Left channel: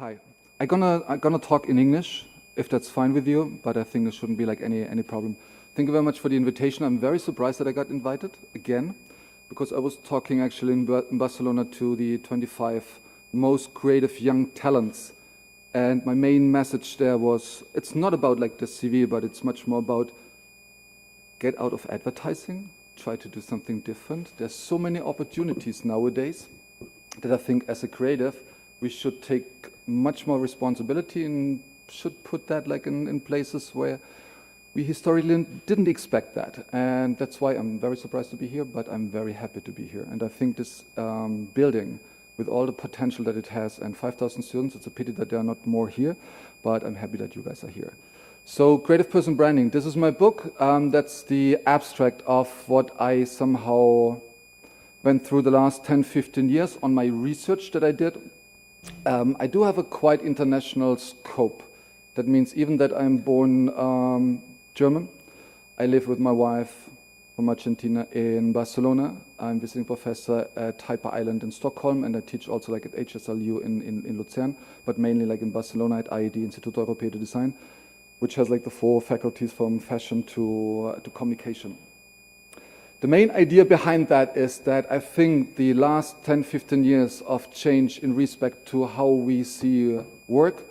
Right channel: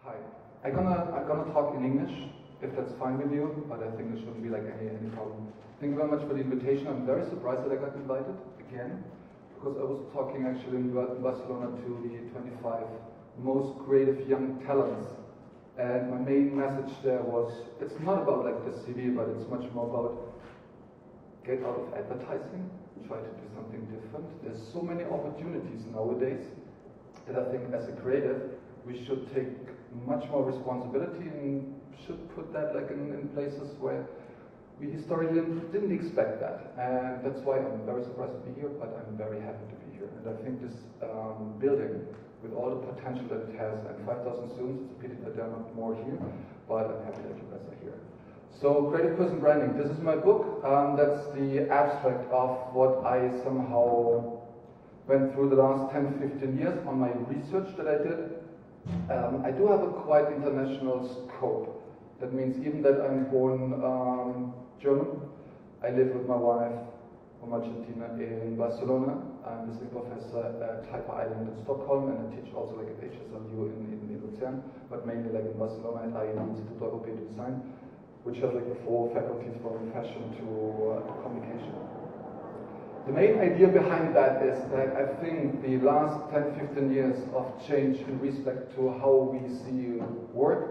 Hi. I'm gonna talk in English, if that's fine with you, but I think there shouldn't be like any problem. Thank you very much for the invitation. I'm very surprised that I got invited again, because I was talking actually in Barcelona to the 25 most creative young talents. And my main message there was, it's not about like the CV, but it's much more about get out of advertising, try to do something different. There's so many opportunities nowadays that I think as a creative, we should take much more responsibility and should put that like in places where we historically didn't expect that. And that's why I'm very surprised to be here, but I'm very happy to be here. And I think this building, with all the potential that it has, and 5,000 students, it's a pity that there are not more here, but I'm happy that you guys are here. So, Creative Person Branding, this is my book. That's the abstract of what I somehow went through the last 10, 15 years on my research that I did. I do have a quite international scope. That means even that I'm born German, I live with my wife from Argentina in Barcelona. I'm visiting professor at Hyper Island in Stockholm, and I teach also like at HSLU in Luzern, but mainly like in Barcelona at IED, Instituto Europeo de Design, which has like the 4 faculties from fashion to communication. The main idea behind that is that I think the last 10, 15 years of change in respect to how we see work,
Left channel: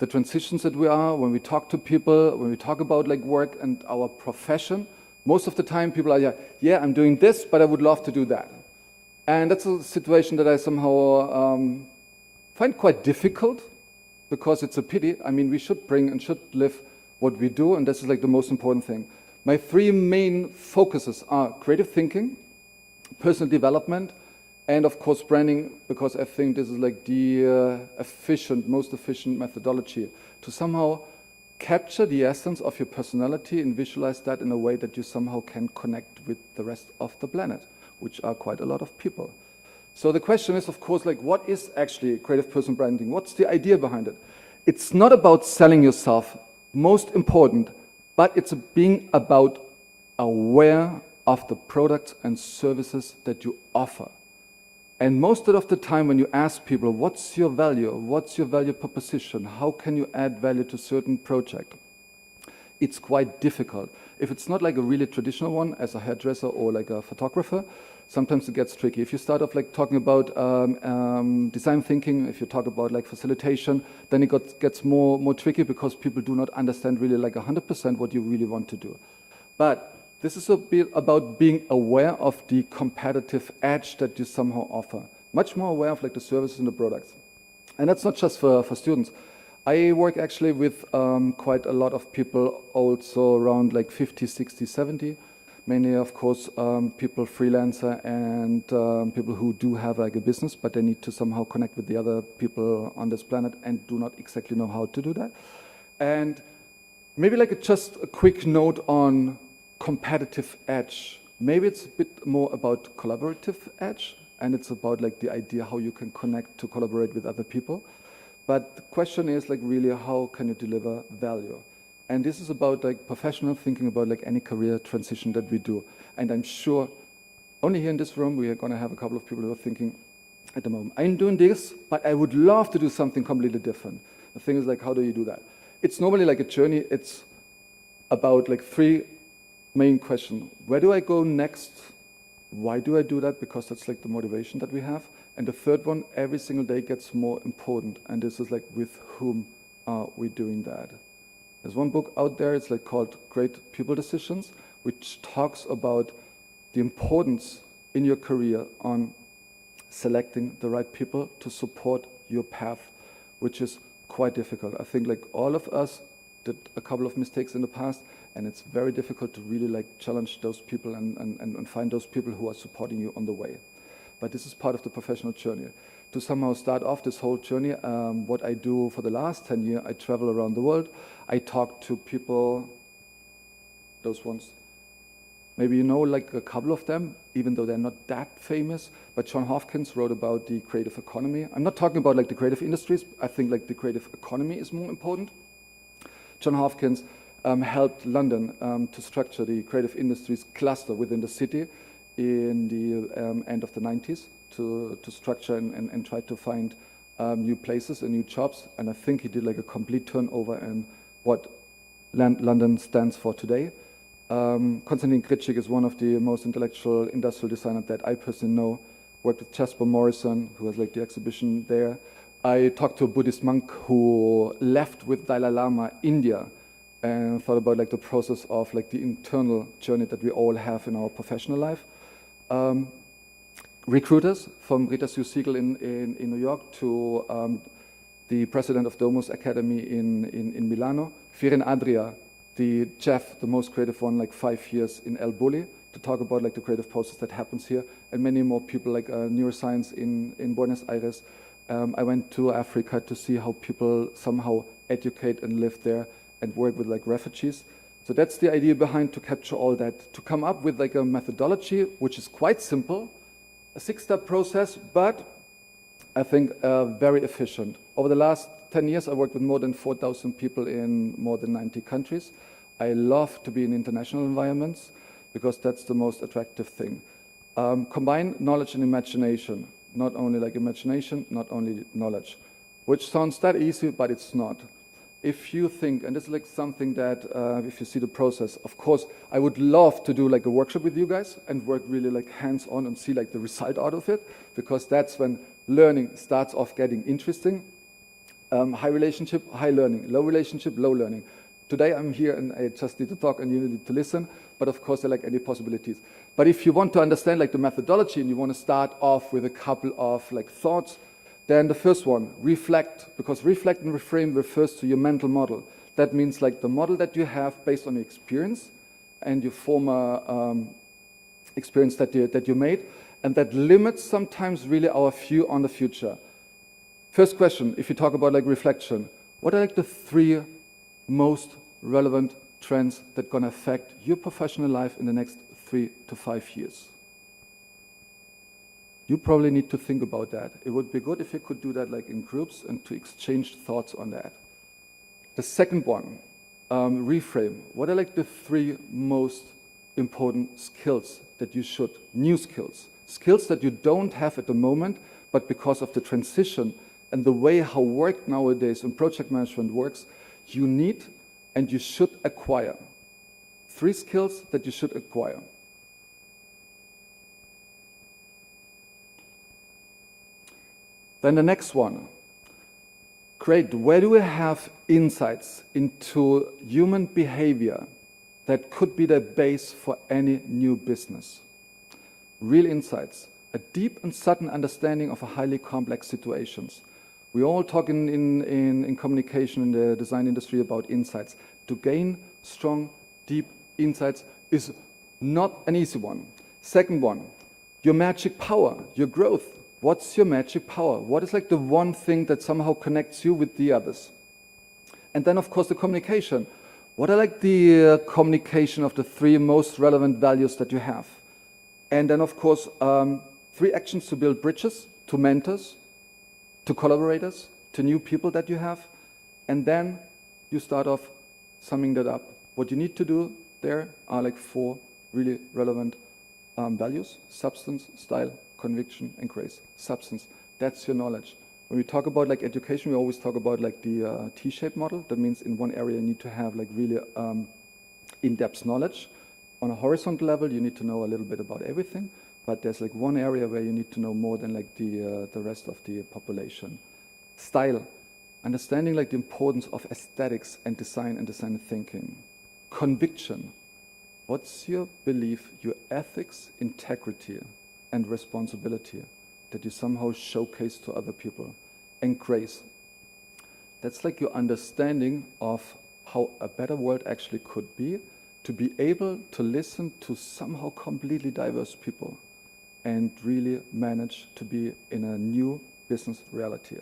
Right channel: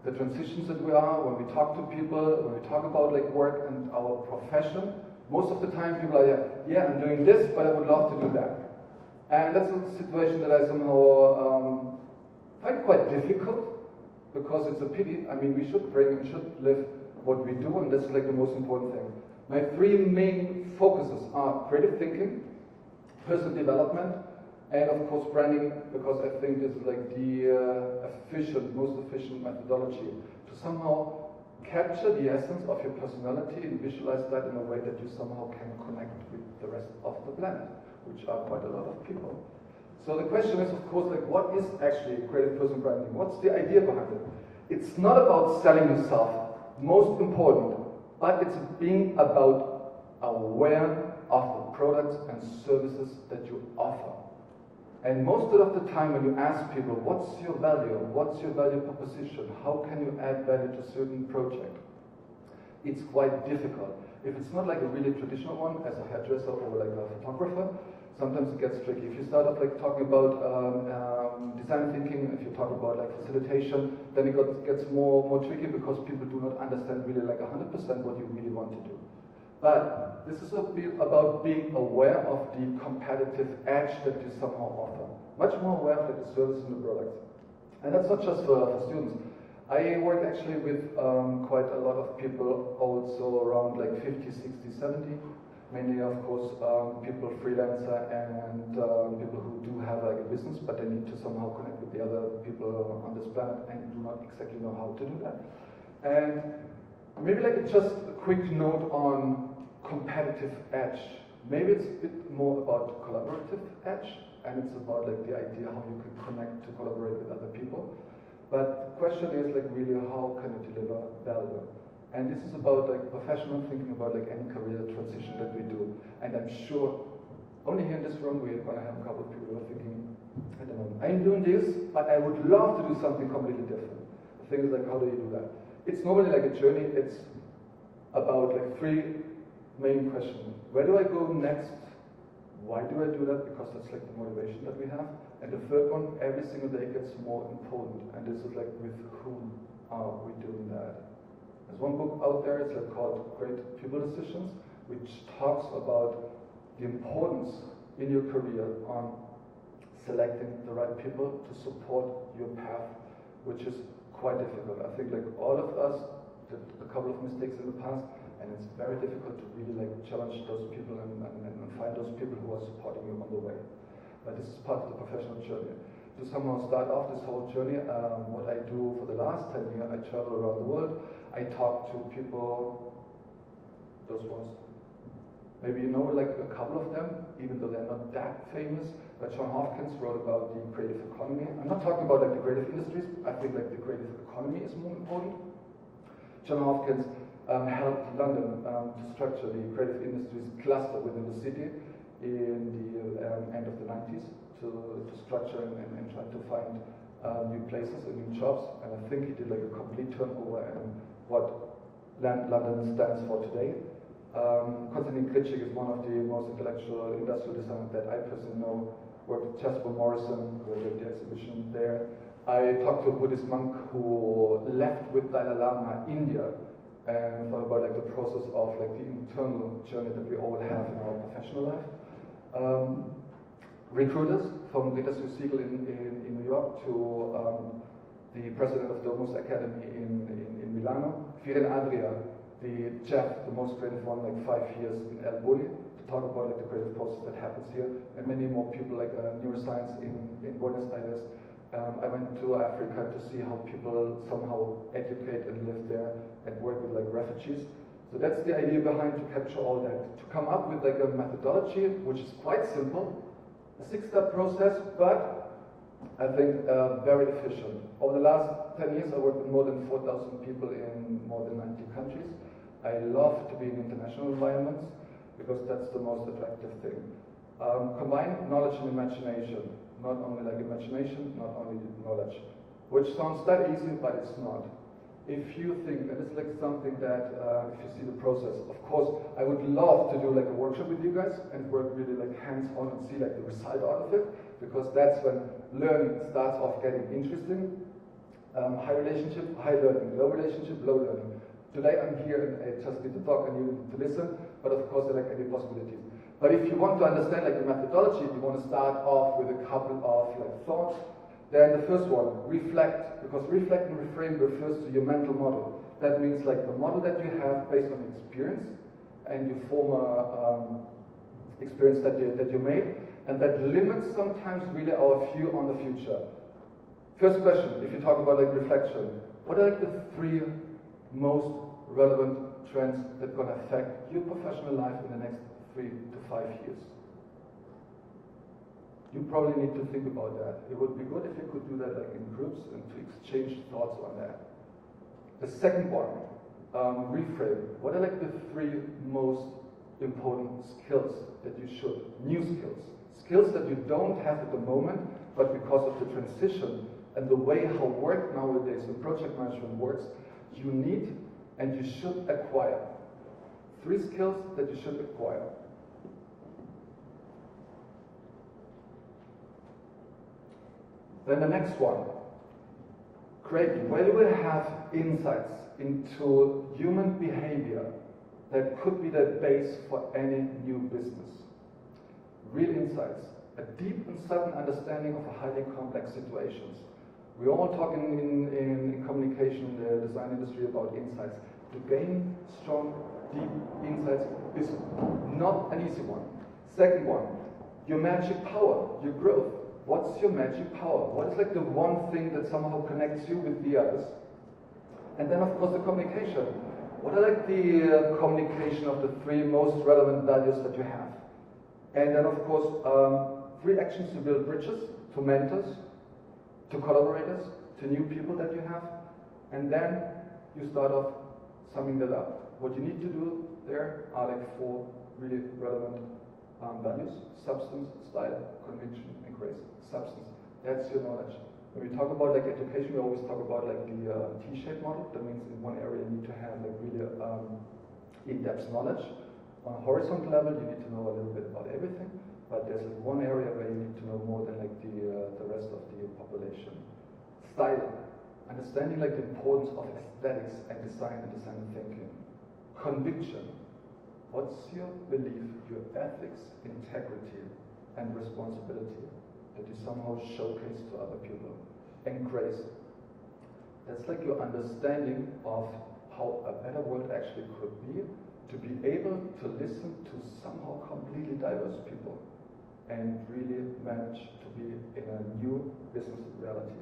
the transitions that we are, when we talk to people, when we talk about like work and our profession, most of the time people are, yeah, I'm doing this, but I would love to do that. And that's a situation that I somehow find quite difficult, because it's a pity. I mean, we should bring and should live what we do, and this is like the most important thing. My 3 main focuses are creative thinking, personal development, and of course branding, because I think this is like the most efficient methodology to somehow capture the essence of your personality and visualize that in a way that you somehow can connect with the rest of the planet, which are quite a lot of people. So the question is, of course, like, what is actually creative person branding? What's the idea behind it? It's not about selling yourself, most important, but it's being about aware of the products and services that you offer. And most of the time when you ask people, what's your value proposition, how can you add value to a certain project, it's quite difficult. If it's not like a really traditional one, as a hairdresser or like a photographer, sometimes it gets tricky. If you start off like talking about design thinking, if you talk about like facilitation, then it gets more tricky, because people do not understand really like 100% what you really want to do. But this is a bit about being aware of the competitive edge that you somehow offer. Much more aware of like the services and the products. And that's not just for students. I work actually with quite a lot of people also around like 50, 60, 70. Mainly, of course, people freelancer and people who do have like a business, but they need to somehow connect with the other people on this planet and do not exactly know how to do that. And maybe like just a quick note on competitive edge. Maybe it's a bit more about collaborative edge, and it's about like the idea how you can connect to collaborate with other people. But the question is like really, how can you deliver value? And this is about like professional thinking about like any career transition that we do. And I'm sure only here in this room we are going to have a couple of people who are thinking at the moment, I'm doing this, but I would love to do something completely different. The thing is like, how do you do that? It's normally like a journey. It's about like 3 main questions. Where do I go next? Why do I do that? Because that's like the motivation that we have. And the third one, every single day gets more important. And this is like, with whom are we doing that? There's one book out there, it's like called Great People Decisions, which talks about the importance in your career on selecting the right people to support your path, which is quite difficult. I think like all of us did a couple of mistakes in the past, and it's very difficult to really like challenge those people and find those people who are supporting you on the way. But this is part of the professional journey. To somehow start off this whole journey, what I do for the last 10 years, I travel around the world. I talk to people, those ones, maybe you know like a couple of them, even though they're not that famous, but John Hopkins wrote about the creative economy. I'm not talking about like the creative industries, I think like the creative economy is more important. John Hopkins helped London to structure the creative industries cluster within the city in the end of the 90s. To structure and try to find new places and new jobs, and I think he did like a complete turnover in what London stands for today. Konstantin Kritschik is one of the most intellectual industrial designers that I personally know. Worked with Jasper Morrison, who has like the exhibition there. I talked to a Buddhist monk who left with Dalai Lama India and thought about like the process of like the internal journey that we all have in our professional life. Recruiters from Rita Sue Siegel in New York to the president of Domus Academy in Milano. Firin Adria, the chef, the most creative one, like 5 years in El Bulli, to talk about like the creative process that happens here, and many more people like neuroscience in Buenos Aires. I went to Africa to see how people somehow educate and live there and work with like refugees. So that's the idea behind to capture all that, to come up with like a methodology which is quite simple, a 6-step process, but I think very efficient. Over the last 10 years, I worked with more than 4,000 people in more than 90 countries. I love to be in international environments because that's the most attractive thing. Combine knowledge and imagination. Not only like imagination, not only knowledge, which sounds that easy, but it's not. If you think, and this is like something that, if you see the process, of course, I would love to do like a workshop with you guys and work really like hands-on and see like the result out of it, because that's when learning starts off getting interesting. High relationship, high learning. Low relationship, low learning. Today I'm here and I just need to talk and you need to listen, but of course there are like any possibilities. But if you want to understand like the methodology and you want to start off with a couple of like thoughts, then the first one, reflect, because reflect and reframe refers to your mental model. That means like the model that you have based on your experience and your former experience that you made, and that limits sometimes really our view on the future. First question, if you talk about like reflection, what are like the 3 most relevant trends that are going to affect your professional life in the next 3 to 5 years? You probably need to think about that. It would be good if you could do that like in groups and to exchange thoughts on that. The second one, reframe. What are like the 3 most important skills that you should, new skills? Skills that you don't have at the moment, but because of the transition and the way how work nowadays and project management works, you need and you should acquire. 3 skills that you should acquire. Then the next one, great, where do we have insights into human behavior that could be the base for any new business? Real insights, a deep and sudden understanding of a highly complex situations. We all talk in communication in the design industry about insights. To gain strong, deep insights is not an easy one. Second one, your magic power, your growth. What's your magic power? What is like the one thing that somehow connects you with the others? And then of course the communication. What are like the communication of the 3 most relevant values that you have? And then of course 3 actions to build bridges, to mentors, to collaborators, to new people that you have. And then you start off summing that up. What you need to do there are like 4 really relevant values: substance, style, conviction, and grace. Substance, that's your knowledge. When we talk about like education, we always talk about like the T-shaped model. That means in one area you need to have like really in-depth knowledge. On a horizontal level, you need to know a little bit about everything, but there's like one area where you need to know more than like the rest of the population. Style, understanding like the importance of aesthetics and design thinking. Conviction, what's your belief, your ethics, integrity, and responsibility that you somehow showcase to other people? And grace, that's like your understanding of how a better world actually could be, to be able to listen to somehow completely diverse people and really manage to be in a new business reality.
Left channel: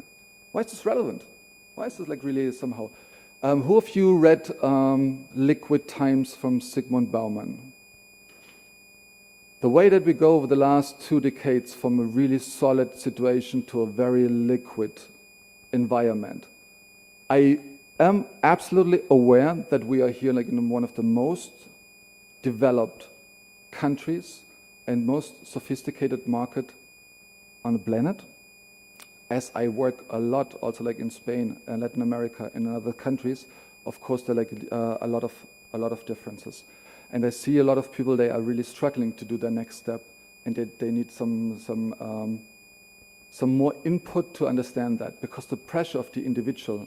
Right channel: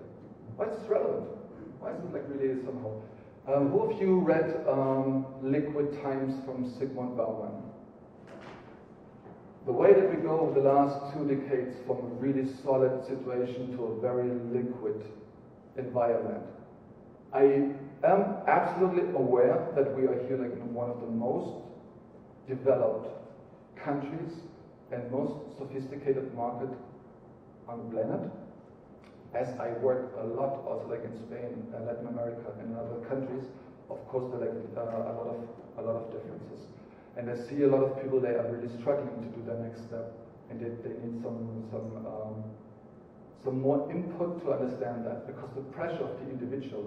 Why is this relevant? Why is this like really somehow? Who of you read Liquid Times from Zygmunt Bauman? The way that we go over the last 2 decades from a really solid situation to a very liquid environment. I am absolutely aware that we are here like in one of the most developed countries and most sophisticated market on the planet. as I work a lot also like in Spain and Latin America and other countries, of course there are like a lot of differences. And I see a lot of people, they are really struggling to do their next step, and they need some more input to understand that, because the pressure of the individual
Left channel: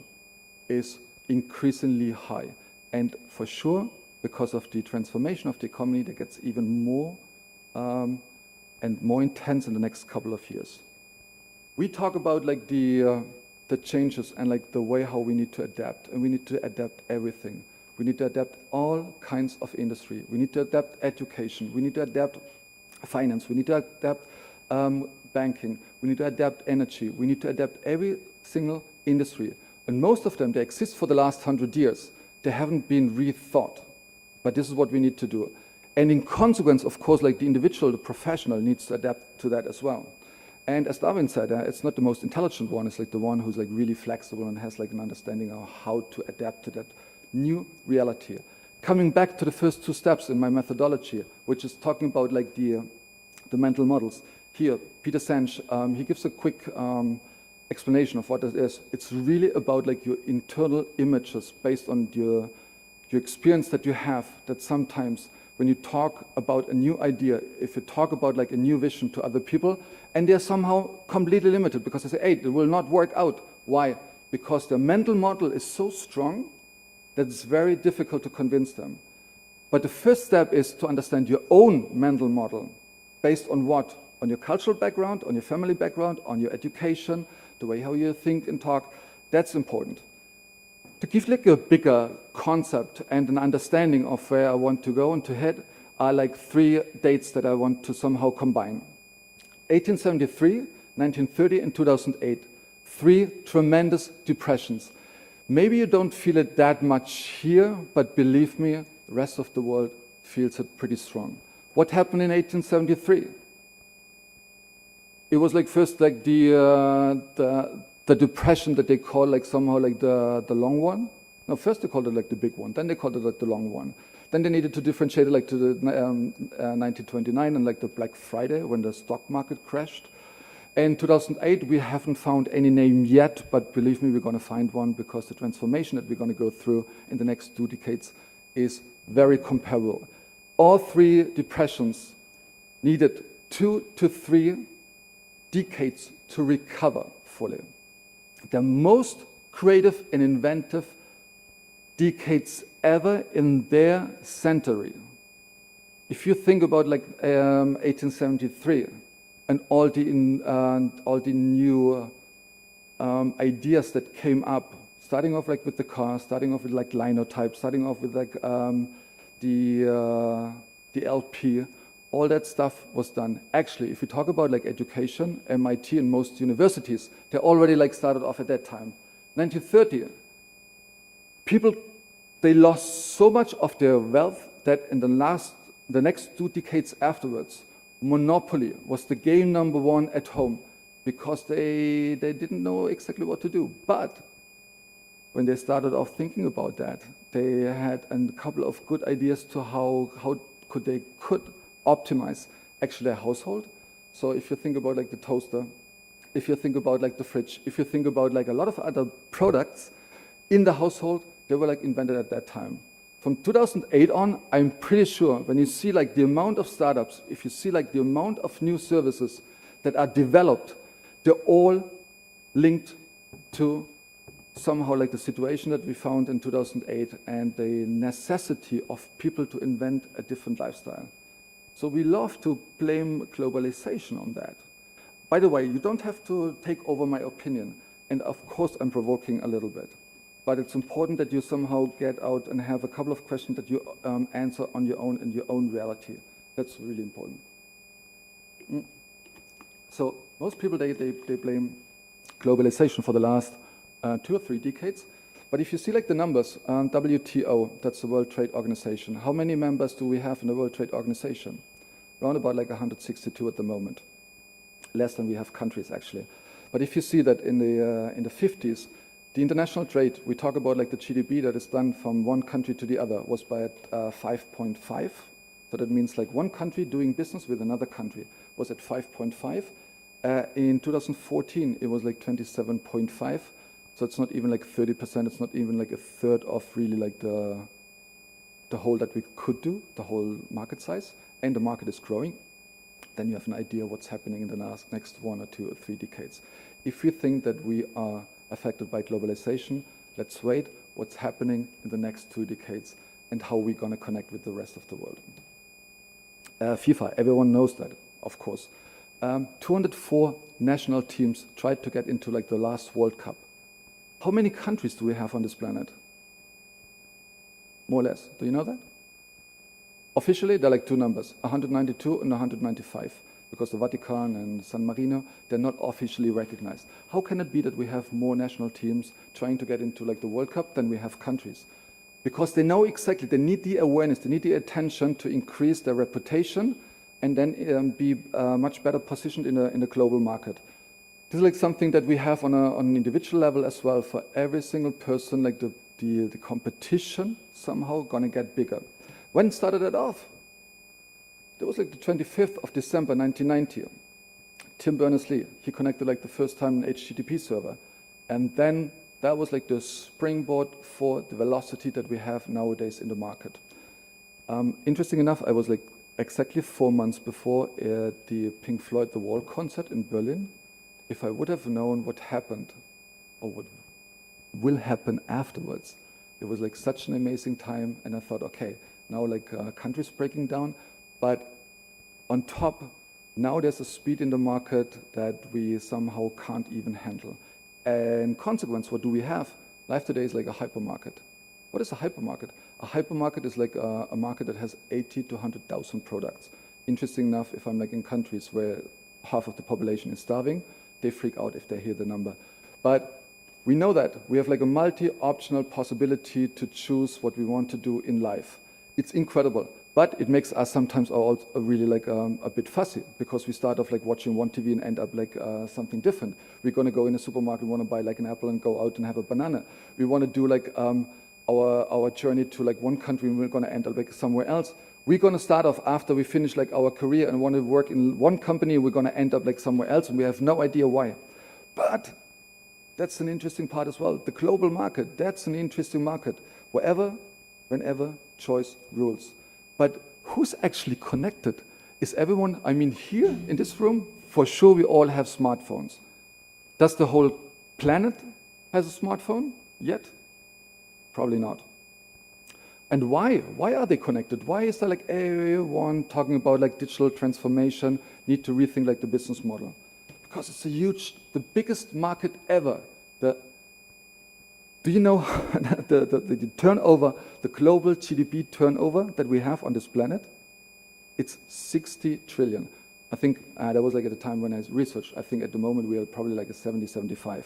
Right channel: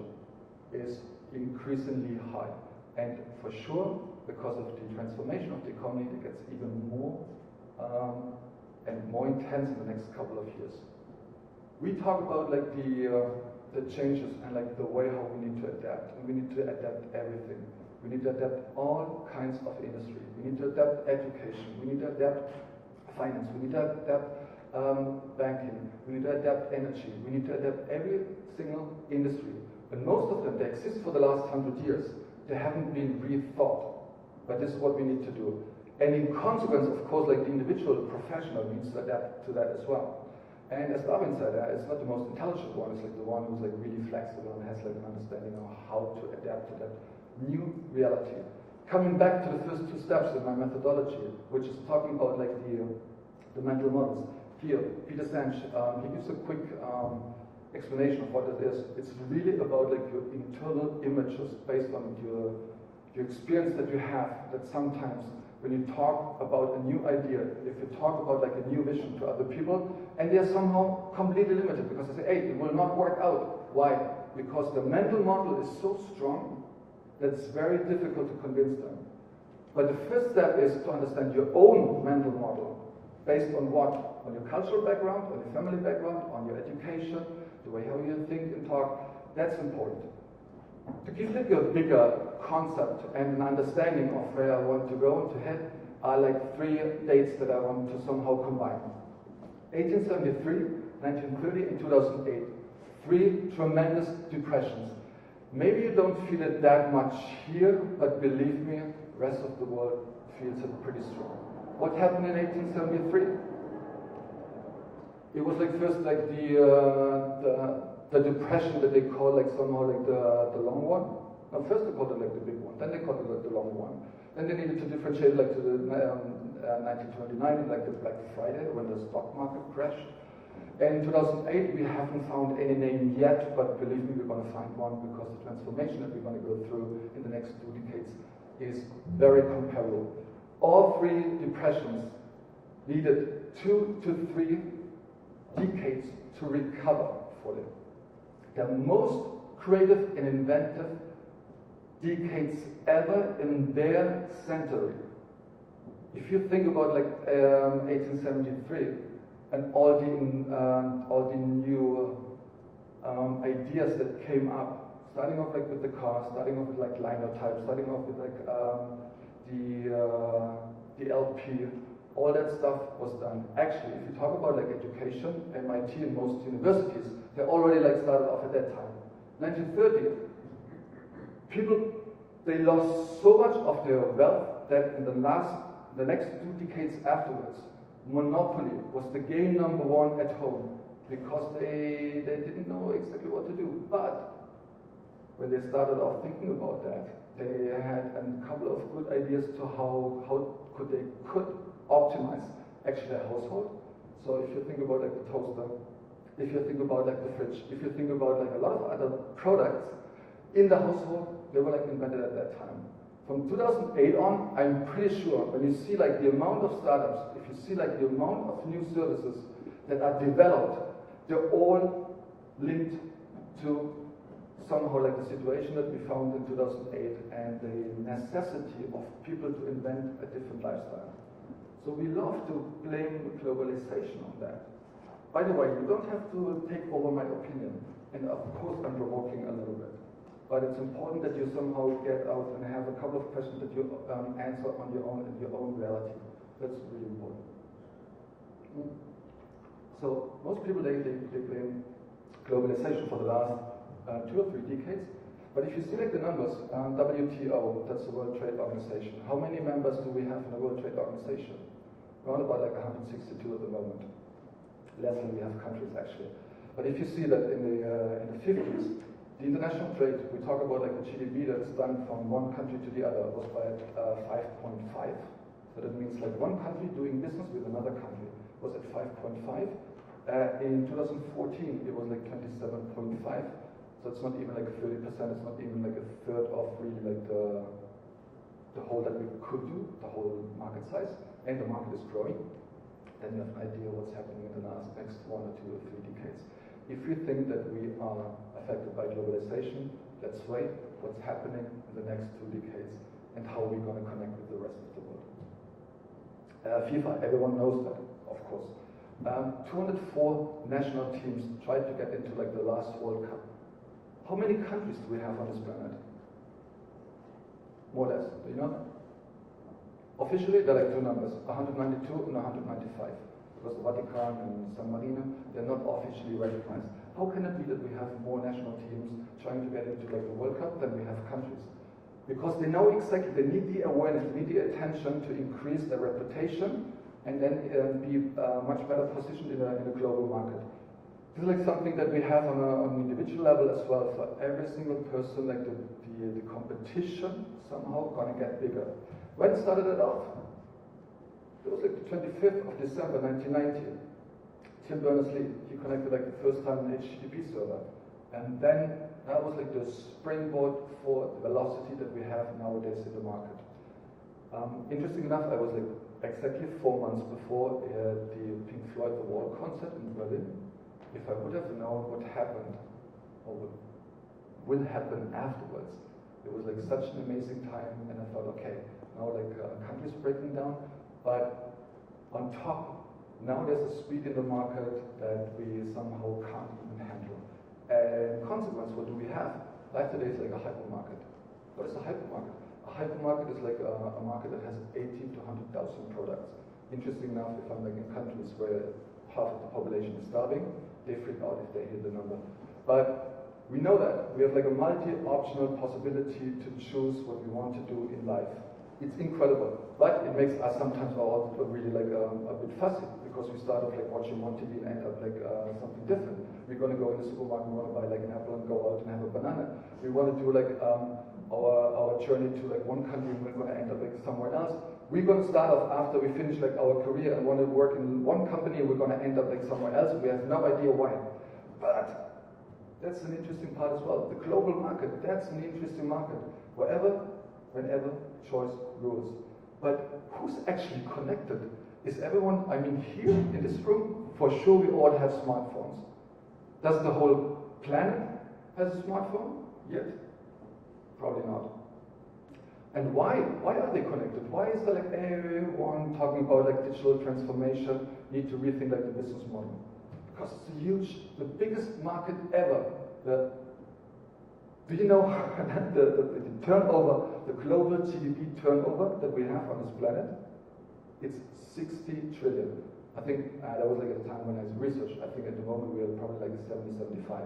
is increasingly high. And for sure, because of the transformation of the economy, that gets even more and more intense in the next couple of years. We talk about like the changes and like the way how we need to adapt, and we need to adapt everything. We need to adapt all kinds of industry. We need to adapt education. We need to adapt finance. We need to adapt banking. We need to adapt energy. We need to adapt every single industry. And most of them, they exist for the last 100 years. They haven't been rethought. But this is what we need to do. And in consequence, of course, like the individual, the professional needs to adapt to that as well. And as Darwin said, it's not the most intelligent one. It's like the one who's like really flexible and has like an understanding of how to adapt to that new reality. Coming back to the first two steps in my methodology, which is talking about like the mental models. Here, Peter Senge, he gives a quick explanation of what it is. It's really about like your internal images based on your experience that you have, that sometimes when you talk about a new idea, if you talk about like a new vision to other people, and they're somehow completely limited because they say, hey, it will not work out. Why? Because the mental model is so strong that it's very difficult to convince them. But the first step is to understand your own mental model. Based on what? On your cultural background, on your family background, on your education, the way how you think and talk. That's important. To give like a bigger concept and an understanding of where I want to go and to head are like three dates that I want to somehow combine. 1873, 1930 and 2008. Three tremendous depressions. Maybe you don't feel it that much here, but believe me, the rest of the world feels it pretty strong. What happened in 1873? It was like first like the depression that they call like somehow like the long one. No, first they called it like the big one, then they called it like the long one. Then they needed to differentiate it like to the 1929 and like the Black Friday when the stock market crashed. In 2008, we haven't found any name yet, but believe me, we're going to find one because the transformation that we're going to go through in the next 2 decades is very comparable. All three depressions needed 2 to 3 decades to recover fully. The most creative and inventive decades ever in their century. If you think about like 1873 and all the new ideas that came up, starting off like with the car, starting off with like linotype, starting off with like the LP, all that stuff was done. Actually, if you talk about like education, MIT and most universities, they already like started off at that time. 1930, people, they lost so much of their wealth that in the next 2 decades afterwards, Monopoly was the game number 1 at home because they didn't know exactly what to do. But when they started off thinking about that, they had a couple of good ideas to how they could optimize actually their household. So if you think about like the toaster, if you think about like the fridge, if you think about like a lot of other products in the household, they were like invented at that time. From 2008 on, I'm pretty sure when you see like the amount of startups, if you see like the amount of new services that are developed, they're all linked to somehow like the situation that we found in 2008 and the necessity of people to invent a different lifestyle. So we love to blame globalization on that. By the way, you don't have to take over my opinion. And of course I'm provoking a little bit. But it's important that you somehow get out and have a couple of questions that you answer on your own in your own reality. That's really important. So most people, they blame globalization for the last 2 or 3 decades. But if you see like the numbers, WTO, that's the World Trade Organization. How many members do we have in the World Trade Organization? Around about like 162 at the moment. Less than we have countries actually. But if you see that in the 50s, the international trade, we talk about like the GDP that is done from one country to the other, was by 5.5. So that means like one country doing business with another country was at 5.5. In 2014, it was like 27.5. So it's not even like 30%. It's not even like a third of really like the whole that we could do, the whole market size. And the market is growing. Then you have an idea what's happening in the next 1 or 2 or 3 decades. If we think that we are affected by globalization, let's wait what's happening in the next 2 decades and how we're going to connect with the rest of the world. FIFA, everyone knows that, of course. 204 national teams tried to get into like the last World Cup. How many countries do we have on this planet? More or less. Do you know that? Officially, there are like 2 numbers, 192 and 195, because the Vatican and San Marino, they're not officially recognized. How can it be that we have more national teams trying to get into like the World Cup than we have countries? Because they know exactly, they need the awareness, they need the attention to increase their reputation and then be much better positioned in the global market. This is like something that we have on an individual level as well. For every single person, like the competition somehow gonna get bigger. When started it off? It was like the 25th of December 1990. Tim Berners-Lee, he connected like the first time an HTTP server. And then that was like the springboard for the velocity that we have nowadays in the market. Interesting enough, I was like exactly 4 months before the Pink Floyd The Wall concert in Berlin. If I would have known what happened or what will happen afterwards, it was like such an amazing time, and I thought, okay, now like countries breaking down, but on top, now there's a speed in the market that we somehow can't even handle. And consequence, what do we have? Life today is like a hypermarket. What is a hypermarket? A hypermarket is like a market that has 80 to 100,000 products. Interesting enough, if I'm like in countries where half of the population is starving, they freak out if they hear the number. But we know that we have like a multi-optional possibility to choose what we want to do in life. It's incredible, but it makes us sometimes also really like a bit fussy, because we start off like watching one TV and end up like something different. We're gonna go in a supermarket, we wanna buy like an apple and go out and have a banana. We wanna do like our journey to like one country, and we're gonna end up like somewhere else. We're gonna start off after we finish like our career and wanna work in one company, we're gonna end up like somewhere else, and we have no idea why. But that's an interesting part as well. The global market, that's an interesting market. Wherever, whenever, choice rules. But who's actually connected? Is everyone, I mean here in this room, for sure we all have smartphones. Does the whole planet has a smartphone yet? Probably not. And why? Why are they connected? Why is there like everyone talking about like digital transformation, need to rethink like the business model? Because it's a huge, the biggest market ever. Do you know the turnover, the global GDP turnover that we have on this planet? It's 60 trillion. I think that was like at the time when I researched. I think at the moment we are probably like a 70, 75.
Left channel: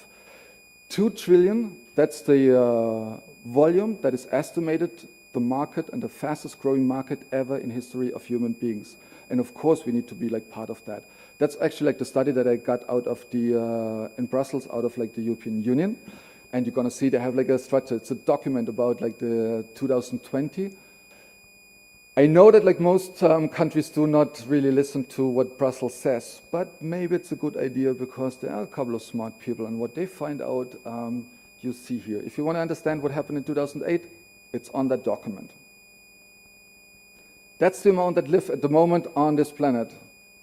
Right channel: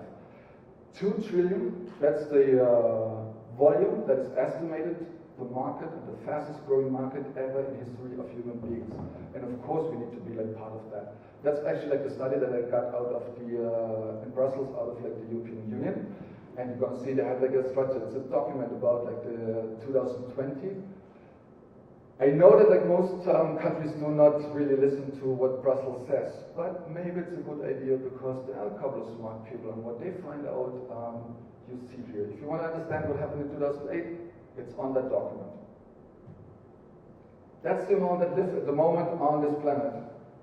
2 trillion, that's the volume that is estimated the market and the fastest growing market ever in history of human beings. And of course we need to be like part of that. That's actually like the study that I got out of in Brussels, out of like the European Union. And you're gonna see they have like a structure, it's a document about like the 2020. I know that like most countries do not really listen to what Brussels says, but maybe it's a good idea because there are a couple of smart people, and what they find out, you see here. If you wanna understand what happened in 2008, it's on that document. That's the amount that live at the moment on this planet.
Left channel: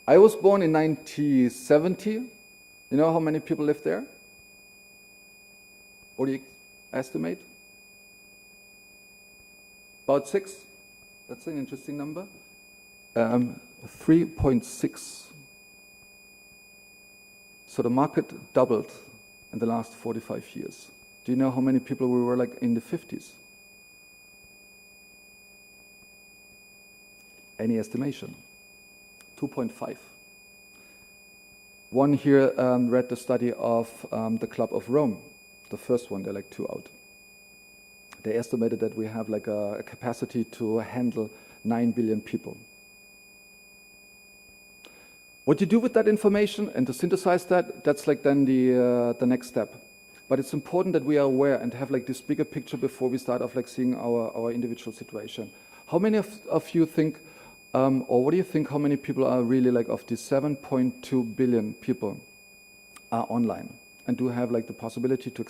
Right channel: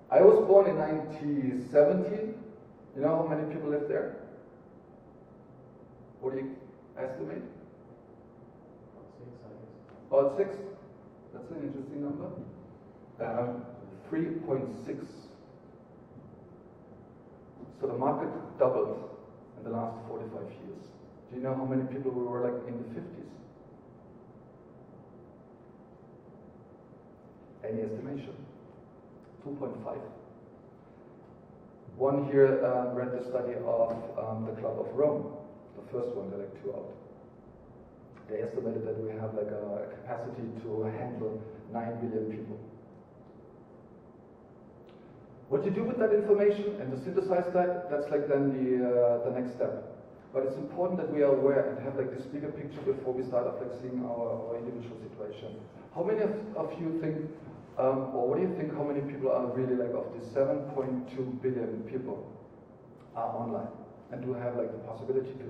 I was born in 1970. You know how many people live there? What do you estimate? About 6. That's an interesting number. 3.6. So the market doubled in the last 45 years. Do you know how many people we were like in the 50s? Any estimation? 2.5. One here read the study of the Club of Rome. The first one, they're like 2 out. They estimated that we have like a capacity to handle 9 billion people. What you do with that information and to synthesize that, that's like then the next step. But it's important that we are aware and have like this bigger picture before we start off like seeing our individual situation. How many of you think Or what do you think, how many people are really like of the 7.2 billion people are online and do have like the possibility to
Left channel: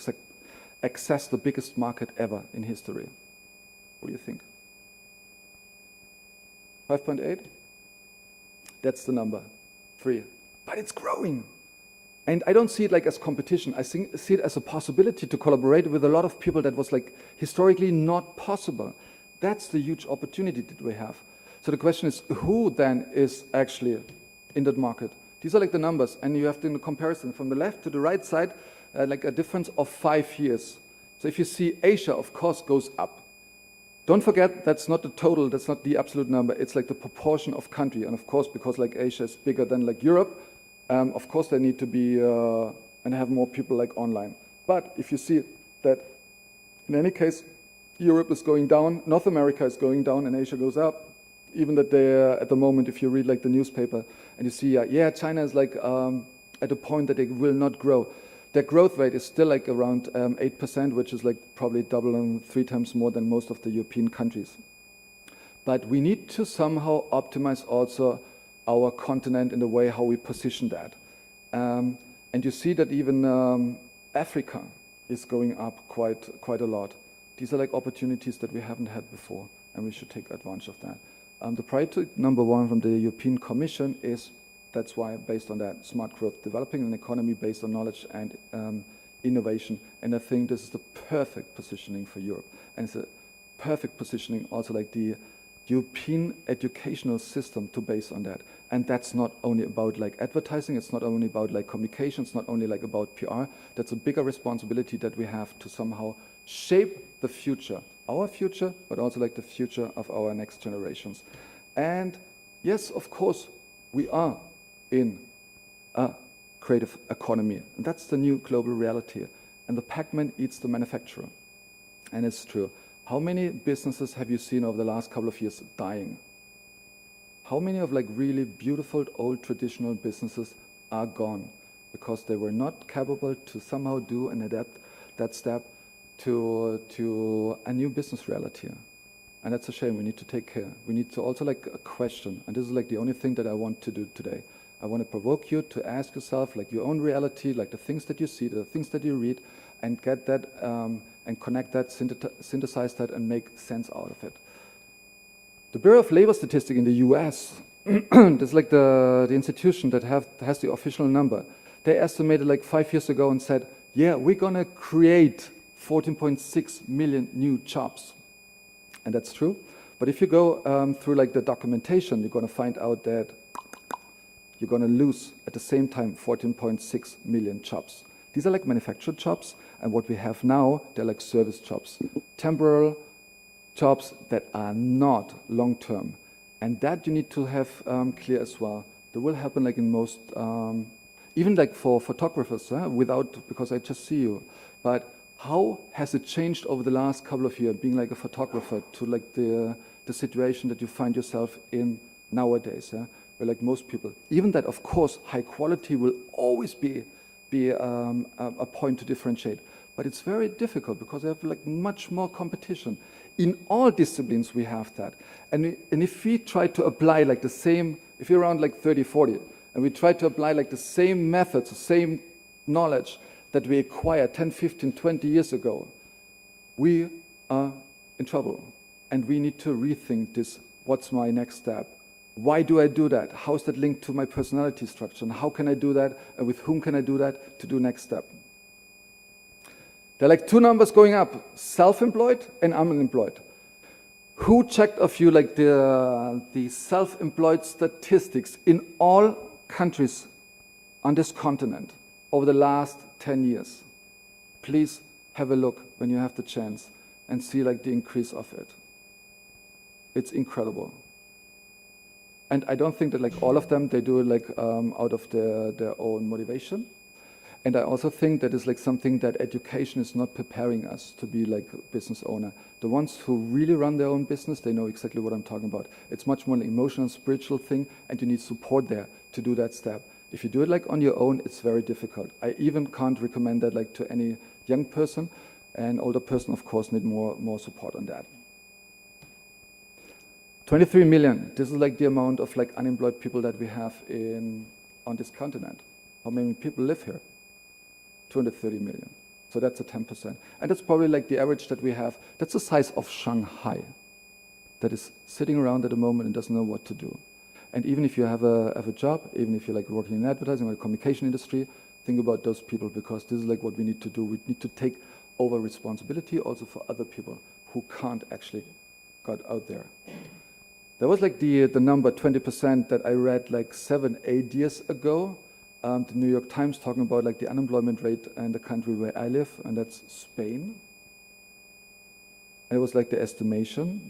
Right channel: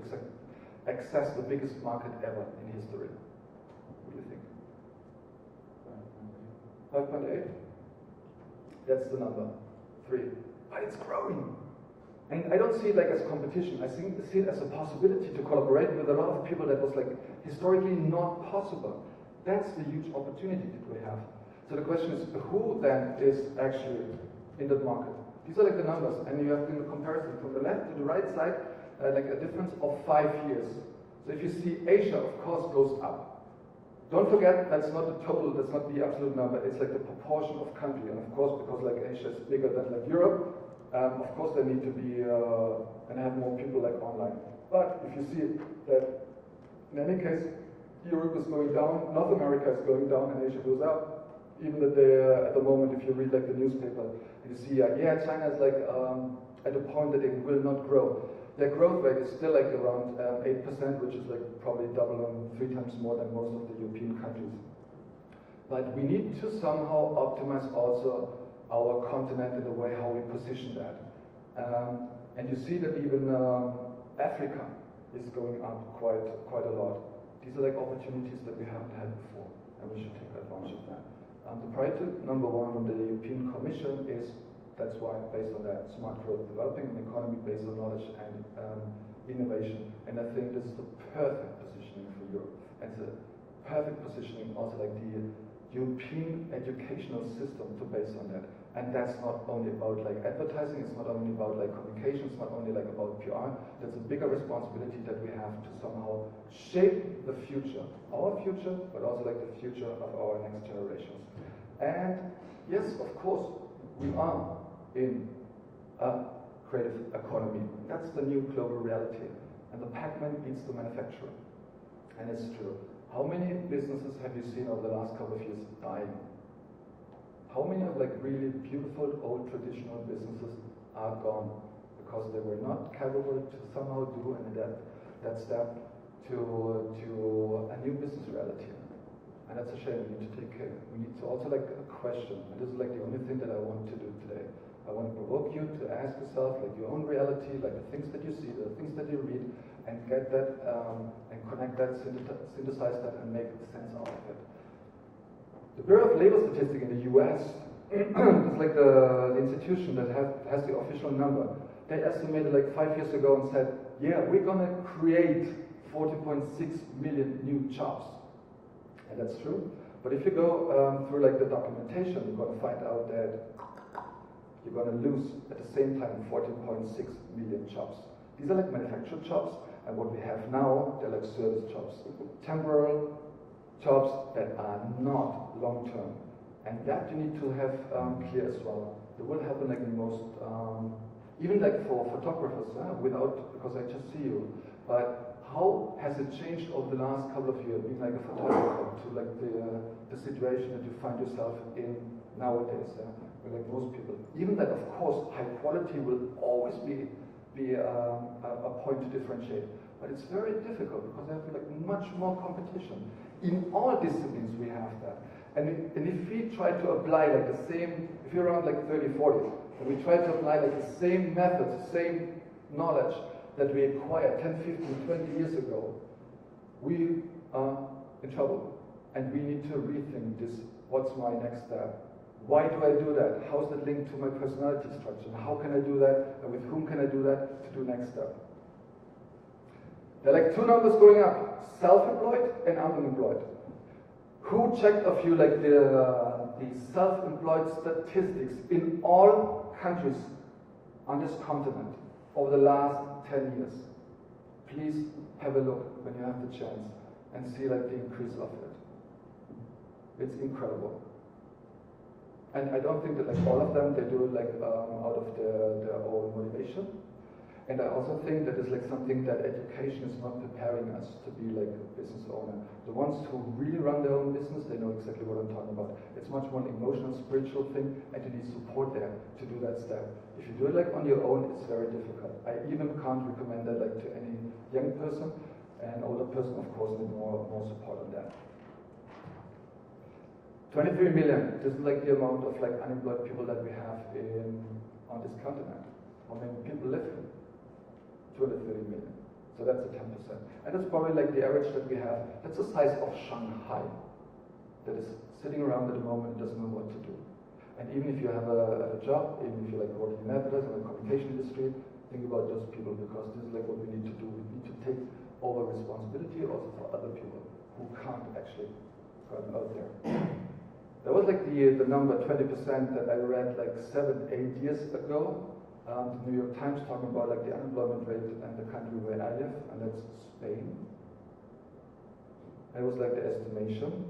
access the biggest market ever in history? What do you think? 5.8? That's the number. 3. But it's growing. And I don't see it like as competition. I see it as a possibility to collaborate with a lot of people that was like historically not possible. That's the huge opportunity that we have. So the question is, who then is actually in that market? These are like the numbers, and you have to do the comparison from the left to the right side, like a difference of 5 years. So if you see Asia, of course, goes up. Don't forget, that's not the total, that's not the absolute number, it's like the proportion of country. And of course, because like Asia is bigger than like Europe, of course they need to be, and have more people like online. But if you see that, in any case, Europe is going down, North America is going down, and Asia goes up. Even that they're, at the moment, if you read like the newspaper, and you see, yeah, China is like at a point that it will not grow. Their growth rate is still like around 8%, which is like probably double and 3 times more than most of the European countries. But we need to somehow optimize also our continent in the way how we position that. And you see that even Africa is going up quite a lot. These are like opportunities that we haven't had before, and we should take advantage of that. The priority number 1 from the European Commission is, that's why, based on that, smart growth, developing an economy based on knowledge and innovation. And I think this is the perfect positioning for Europe. And it's a perfect positioning also like the European educational system to base on that. And that's not only about like advertising, it's not only about like communication, it's not only like about PR. That's a bigger responsibility that we have to somehow shape the future, our future, but also like the future of our next generations. And yes, of course, we are in a creative economy. And that's the new global reality. And the Pac-Man eats the manufacturer. And it's true. How many businesses have you seen over the last couple of years dying? How many of like really beautiful old traditional businesses are gone because they were not capable to somehow do and adapt that step to a new business reality? And that's a shame. We need to take care. We need to also like question, and this is like the only thing that I want to do today. I want to provoke you to ask yourself like your own reality, like the things that you see, the things that you read, and get that and connect that, synthesize that, and make sense out of it. The Bureau of Labor Statistics in the US, it's like the institution that has the official number. They estimated like 5 years ago and said, yeah, we're going to create 14.6 million new jobs. And that's true. But if you go through like the documentation, you're going to find out that you're going to lose at the same time 14.6 million jobs. These are like manufactured jobs, and what we have now, they're like service jobs. Temporal jobs that are not long-term. And that you need to have clear as well. That will happen like in most, even like for photographers, because I just see you. But how has it changed over the last couple of years, being like a photographer, to like the situation that you find yourself in nowadays? Where like most people, even that of course high quality will always be a point to differentiate. But it's very difficult because they have like much more competition. In all disciplines we have that. And if we try to apply like the same, if you're around like 30, 40, and we try to apply like the same methods, the same knowledge that we acquired 10, 15, 20 years ago, we are in trouble. And we need to rethink this, what's my next step? Why do I do that? How is that linked to my personality structure? And how can I do that? And with whom can I do that to do next step? There are like 2 numbers going up, self-employed and unemployed. Who checked of you like the self-employed statistics in all countries on this continent over the last 10 years? Please have a look when you have the chance and see like the increase of it. It's incredible. And I don't think that like all of them, they do it like out of their own motivation. And I also think that is like something that education is not preparing us to be like a business owner. The ones who really run their own business, they know exactly what I'm talking about. It's much more an emotional, spiritual thing, and you need support there to do that step. If you do it like on your own, it's very difficult. I even can't recommend that like to any young person, and older person of course need more support on that. 23 million, this is like the amount of like unemployed people that we have on this continent. How many people live here? 230 million. So that's a 10%. And that's probably like the average that we have. That's the size of Shanghai that is sitting around at the moment and doesn't know what to do. And even if you have a job, even if you're like working in advertising or the communication industry, think about those people, because this is like what we need to do. We need to take over responsibility also for other people who can't actually get out there. There was like the number 20% that I read like 7-8 years ago. The New York Times talking about like the unemployment rate in the country where I live, and that's Spain. And it was like the estimation.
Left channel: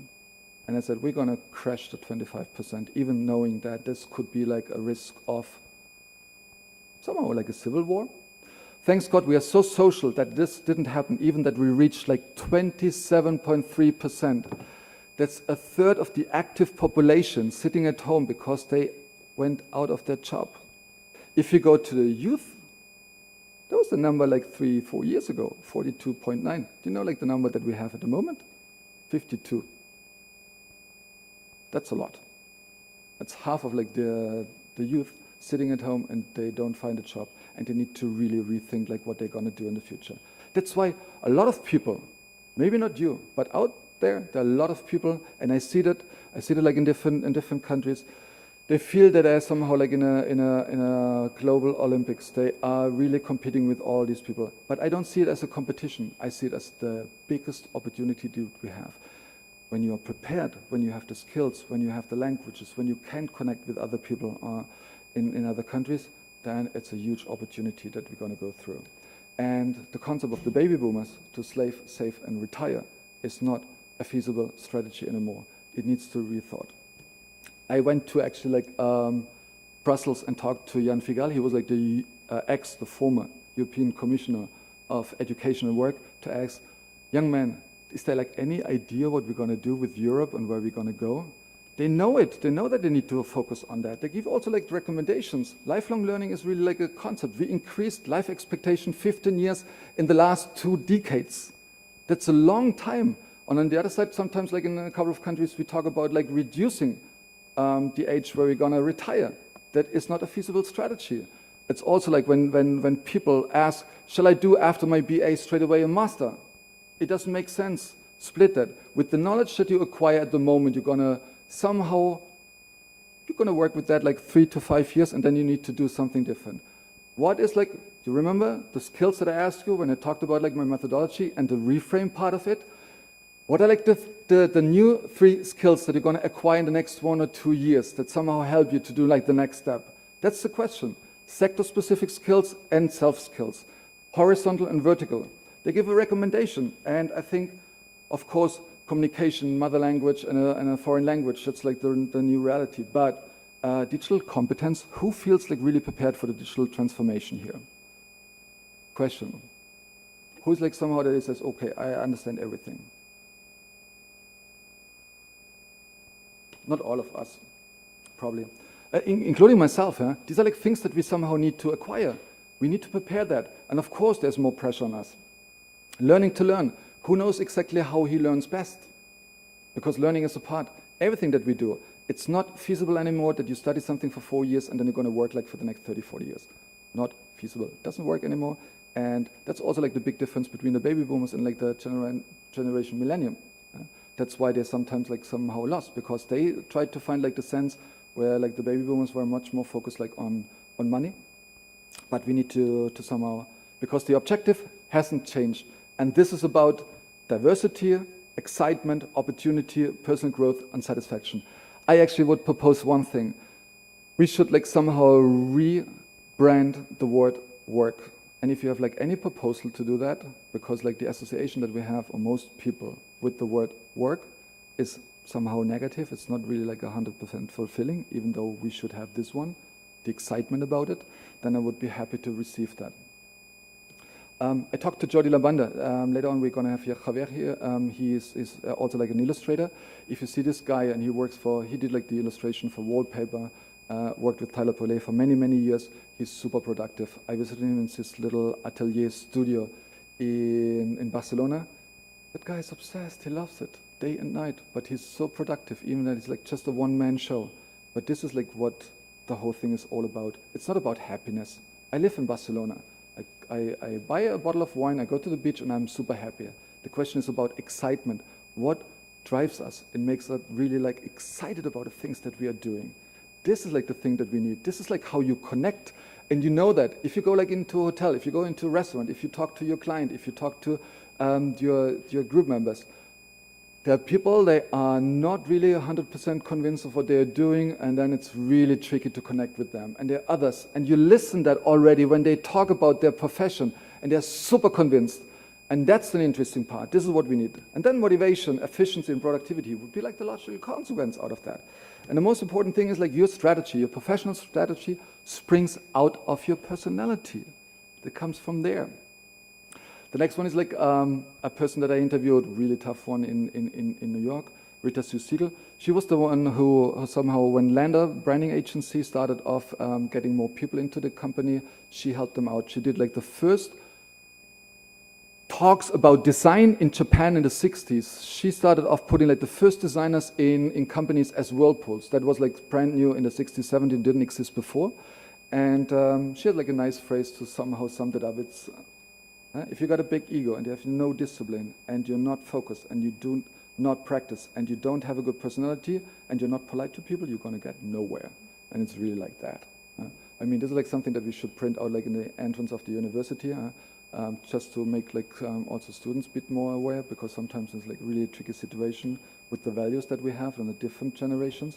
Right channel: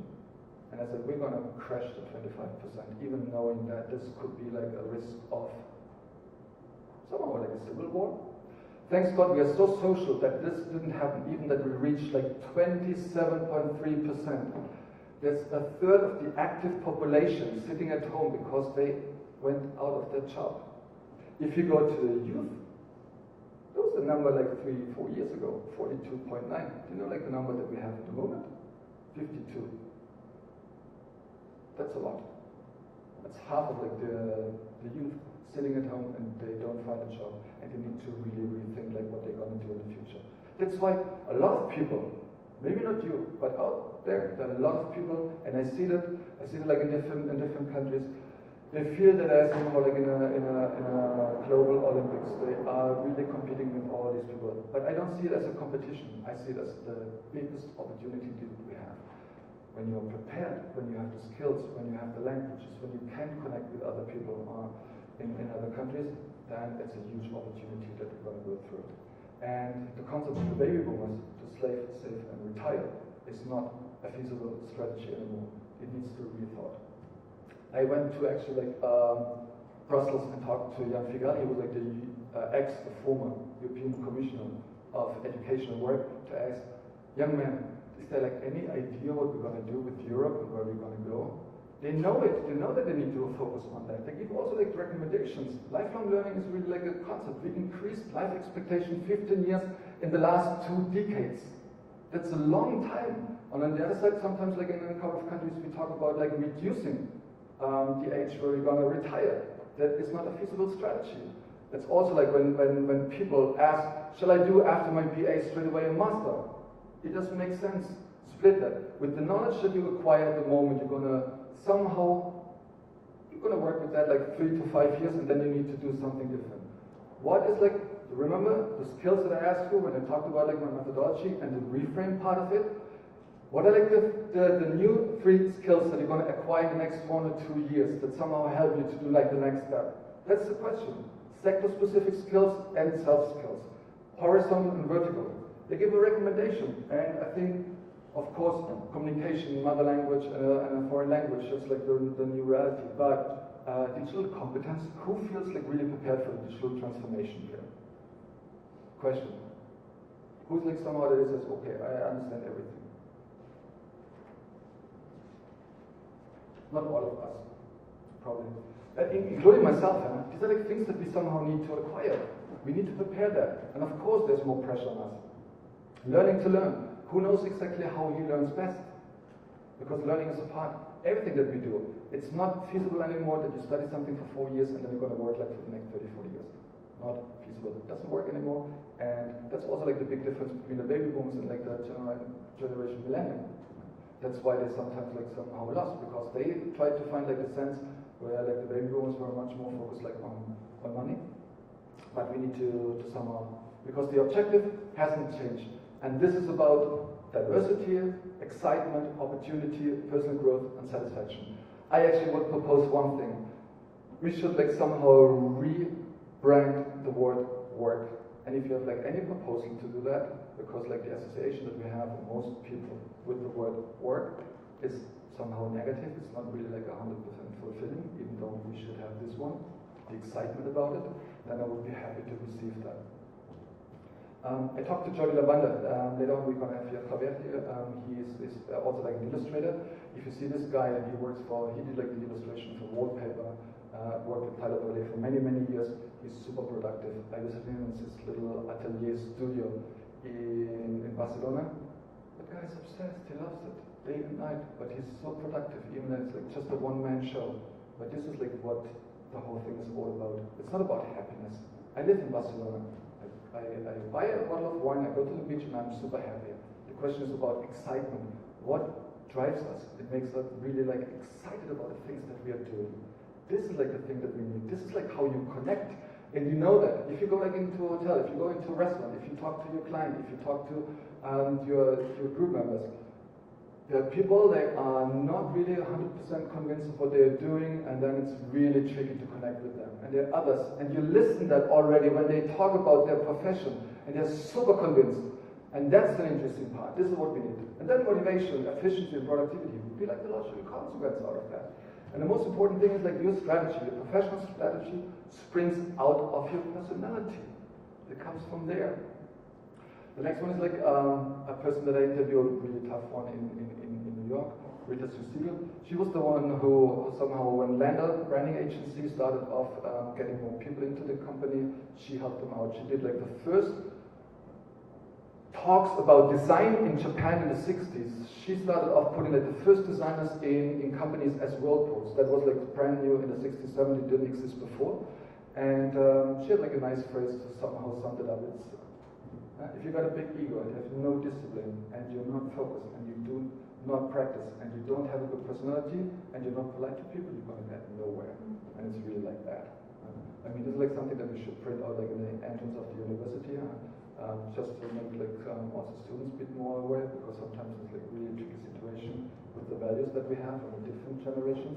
And I said, we're going to crash to 25%, even knowing that this could be like a risk of somehow like a civil war. Thanks God we are so social that this didn't happen, even that we reached like 27.3%. That's a third of the active population sitting at home because they went out of their job. If you go to the youth, that was the number like 3-4 years ago, 42.9. Do you know like the number that we have at the moment? 52. That's a lot. That's half of like the youth sitting at home and they don't find a job, and they need to really rethink like what they're going to do in the future. That's why a lot of people, maybe not you, but out there are a lot of people, and I see that like in different countries. They feel that they're somehow like in a global Olympics. They are really competing with all these people. But I don't see it as a competition. I see it as the biggest opportunity that we have. When you are prepared, when you have the skills, when you have the languages, when you can connect with other people in other countries, then it's a huge opportunity that we're going to go through. And the concept of the baby boomers to slave, save, and retire is not a feasible strategy anymore. It needs to be rethought. I went to actually like Brussels and talked to Jan Figal. He was like the former European Commissioner of Education and Work, to ask, young man, is there like any idea what we're going to do with Europe and where we're going to go? They know it. They know that they need to focus on that. They give also like recommendations. Lifelong learning is really like a concept. We increased life expectation 15 years in the last 2 decades. That's a long time. And on the other side, sometimes like in a couple of countries, we talk about like reducing the age where we're going to retire. That is not a feasible strategy. It's also like when people ask, shall I do after my BA straight away a master? It doesn't make sense. Split that. With the knowledge that you acquire at the moment, you're going to work with that like 3 to 5 years, and then you need to do something different. What is like, do you remember the skills that I asked you when I talked about like my methodology and the reframe part of it? What are like the new 3 skills that you're going to acquire in the next 1 or 2 years that somehow help you to do like the next step? That's the question. Sector-specific skills and self-skills. Horizontal and vertical. They give a recommendation, and I think, of course, communication, mother language, and a foreign language, that's like the new reality. But digital competence, who feels like really prepared for the digital transformation here? Question. Who's like somehow that says, okay, I understand everything? Not all of us, probably. Including myself, huh? These are like things that we somehow need to acquire. We need to prepare that. And of course, there's more pressure on us. Learning to learn. Who knows exactly how he learns best? Because learning is a part. Everything that we do, it's not feasible anymore that you study something for 4 years and then you're going to work like for the next 30, 40 years. Not feasible. It doesn't work anymore. And that's also like the big difference between the baby boomers and like the generation millennium. That's why they're sometimes like somehow lost, because they tried to find like the sense where like the baby boomers were much more focused like on money. But we need to somehow, because the objective hasn't changed. And this is about diversity, excitement, opportunity, personal growth, and satisfaction. I actually would propose one thing. We should like somehow rebrand the word work. And if you have like any proposal to do that, because like the association that we have, or most people, with the word work is somehow negative, it's not really like 100% fulfilling, even though we should have this one, the excitement about it, then I would be happy to receive that. I talked to Jordi Labanda. Later on we're going to have Javier here. He is also like an illustrator. If you see this guy, and he did like the illustration for wallpaper, worked with Tyler Poulet for many, many years. He's super productive. I visited him in his little atelier studio in Barcelona. That guy is obsessed. He loves it. day and night, but he's so productive, even that it's like just a one-man show. But this is like what the whole thing is all about. It's not about happiness. I live in Barcelona. I buy a bottle of wine, I go to the beach, and I'm super happy. The question is about excitement. What drives us and makes us really like excited about the things that we are doing? This is like the thing that we need. This is like how you connect. And you know that if you go like into a hotel, if you go into a restaurant, if you talk to your client, if you talk to your group members, there are people, they are not really 100% convinced of what they are doing, and then it's really tricky to connect with them. And there are others, and you listen that already when they talk about their profession, and they're super convinced. And that's an interesting part. This is what we need. And then motivation, efficiency, and productivity would be like the logical consequence out of that. And the most important thing is like your strategy, your professional strategy springs out of your personality. It comes from there. The next one is like a person that I interviewed, really tough one in New York, Rita Sue-Siegel. She was the one who somehow, when Lander branding agency started off getting more people into the company, she helped them out. She did like the first talks about design in Japan in the 60s. She started off putting like the first designers in companies as whirlpools. That was like brand new in the 60s, 70s, didn't exist before. And she had like a nice phrase to somehow sum it up. It's, if you got a big ego and you have no discipline and you're not focused and you do not practice and you don't have a good personality and you're not polite to people, you're going to get nowhere. And it's really like that. I mean, this is like something that we should print out like in the entrance of the university, just to make like also students a bit more aware, because sometimes it's like really a tricky situation with the values that we have in the different generations,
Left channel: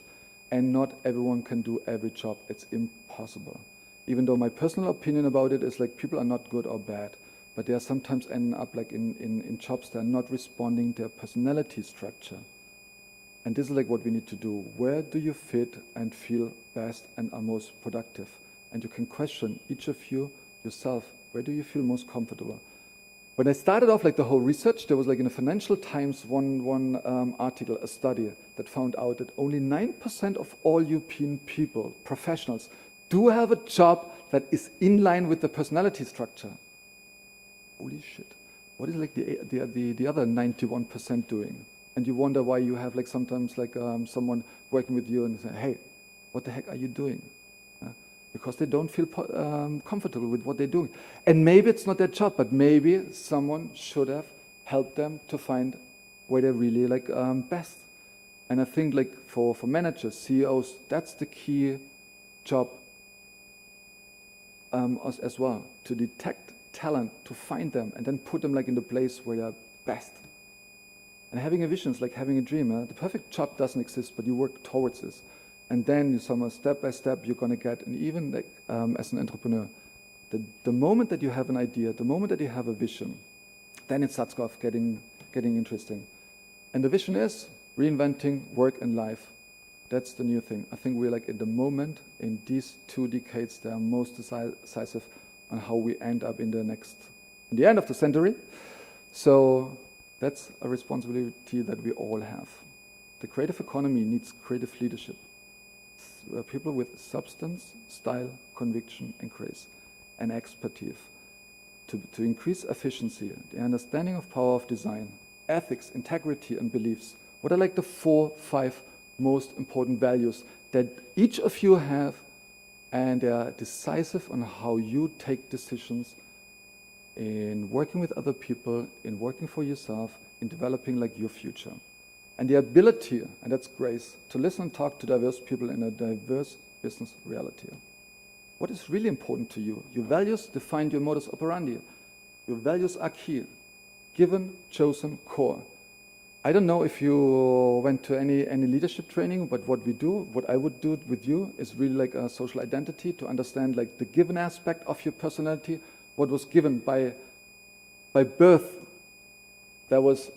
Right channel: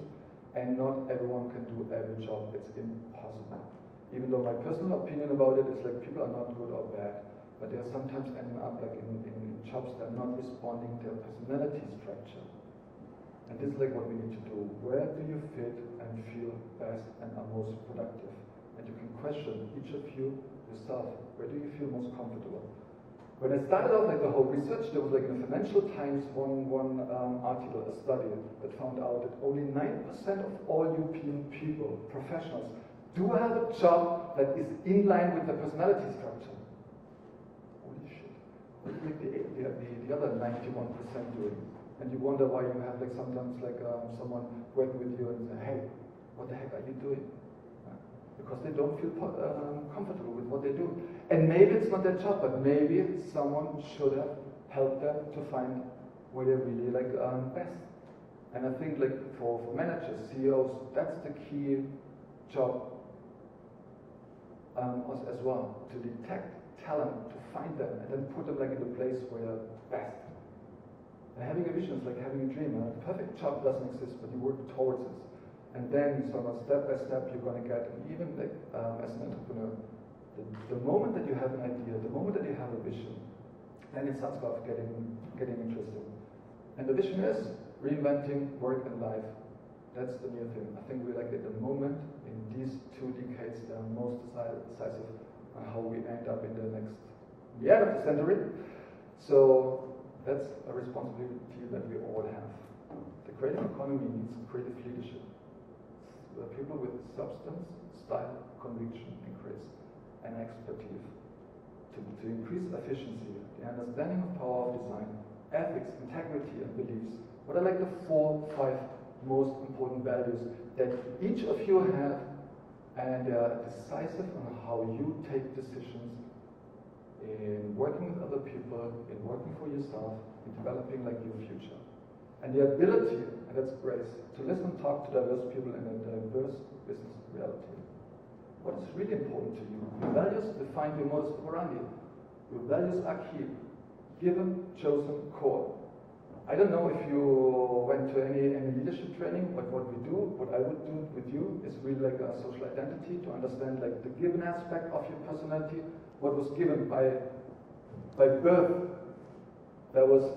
and not everyone can do every job. It's impossible. Even though my personal opinion about it is like people are not good or bad, but they are sometimes ending up like in jobs that are not responding to their personality structure. And this is like what we need to do. Where do you fit and feel best and are most productive? And you can question each of you yourself. Where do you feel most comfortable? When I started off like the whole research, there was like in the Financial Times one article, a study that found out that only 9% of all European people, professionals, do have a job that is in line with the personality structure. Holy shit. What is like the other 91% doing? And you wonder why you have like sometimes like someone working with you and say, hey, what the heck are you doing? Because they don't feel comfortable with what they're doing. And maybe it's not their job, but maybe someone should have helped them to find where they're really like best. And I think like for managers, CEOs, that's the key job as well, to detect talent, to find them, and then put them like in the place where you're best. And having a vision is like having a dream. The perfect job doesn't exist, but you work towards this. And then somehow step by step you're going to get, and even like, as an entrepreneur, the moment that you have an idea, the moment that you have a vision, then it starts off getting interesting. And the vision is reinventing work and life. That's the new thing. I think we're like at the moment in these 2 decades that are most decisive on how we end up in the end of the century. So that's a responsibility that we all have. The creative economy needs creative leadership. People with substance, style, conviction, and grace, and expertise to increase efficiency, the understanding of power of design, ethics, integrity, and beliefs. What are like the 4, 5 most important values that each of you have, and they are decisive on how you take decisions in working with other people, in working for yourself, in developing like your future. And the ability, and that's grace, to listen and talk to diverse people in a diverse business reality. What is really important to you? Your values define your modus operandi. Your values are key. Given, chosen, core. I don't know if you went to any leadership training, but what I would do with you is really like a social identity, to understand like the given aspect of your personality, what was given by birth, that was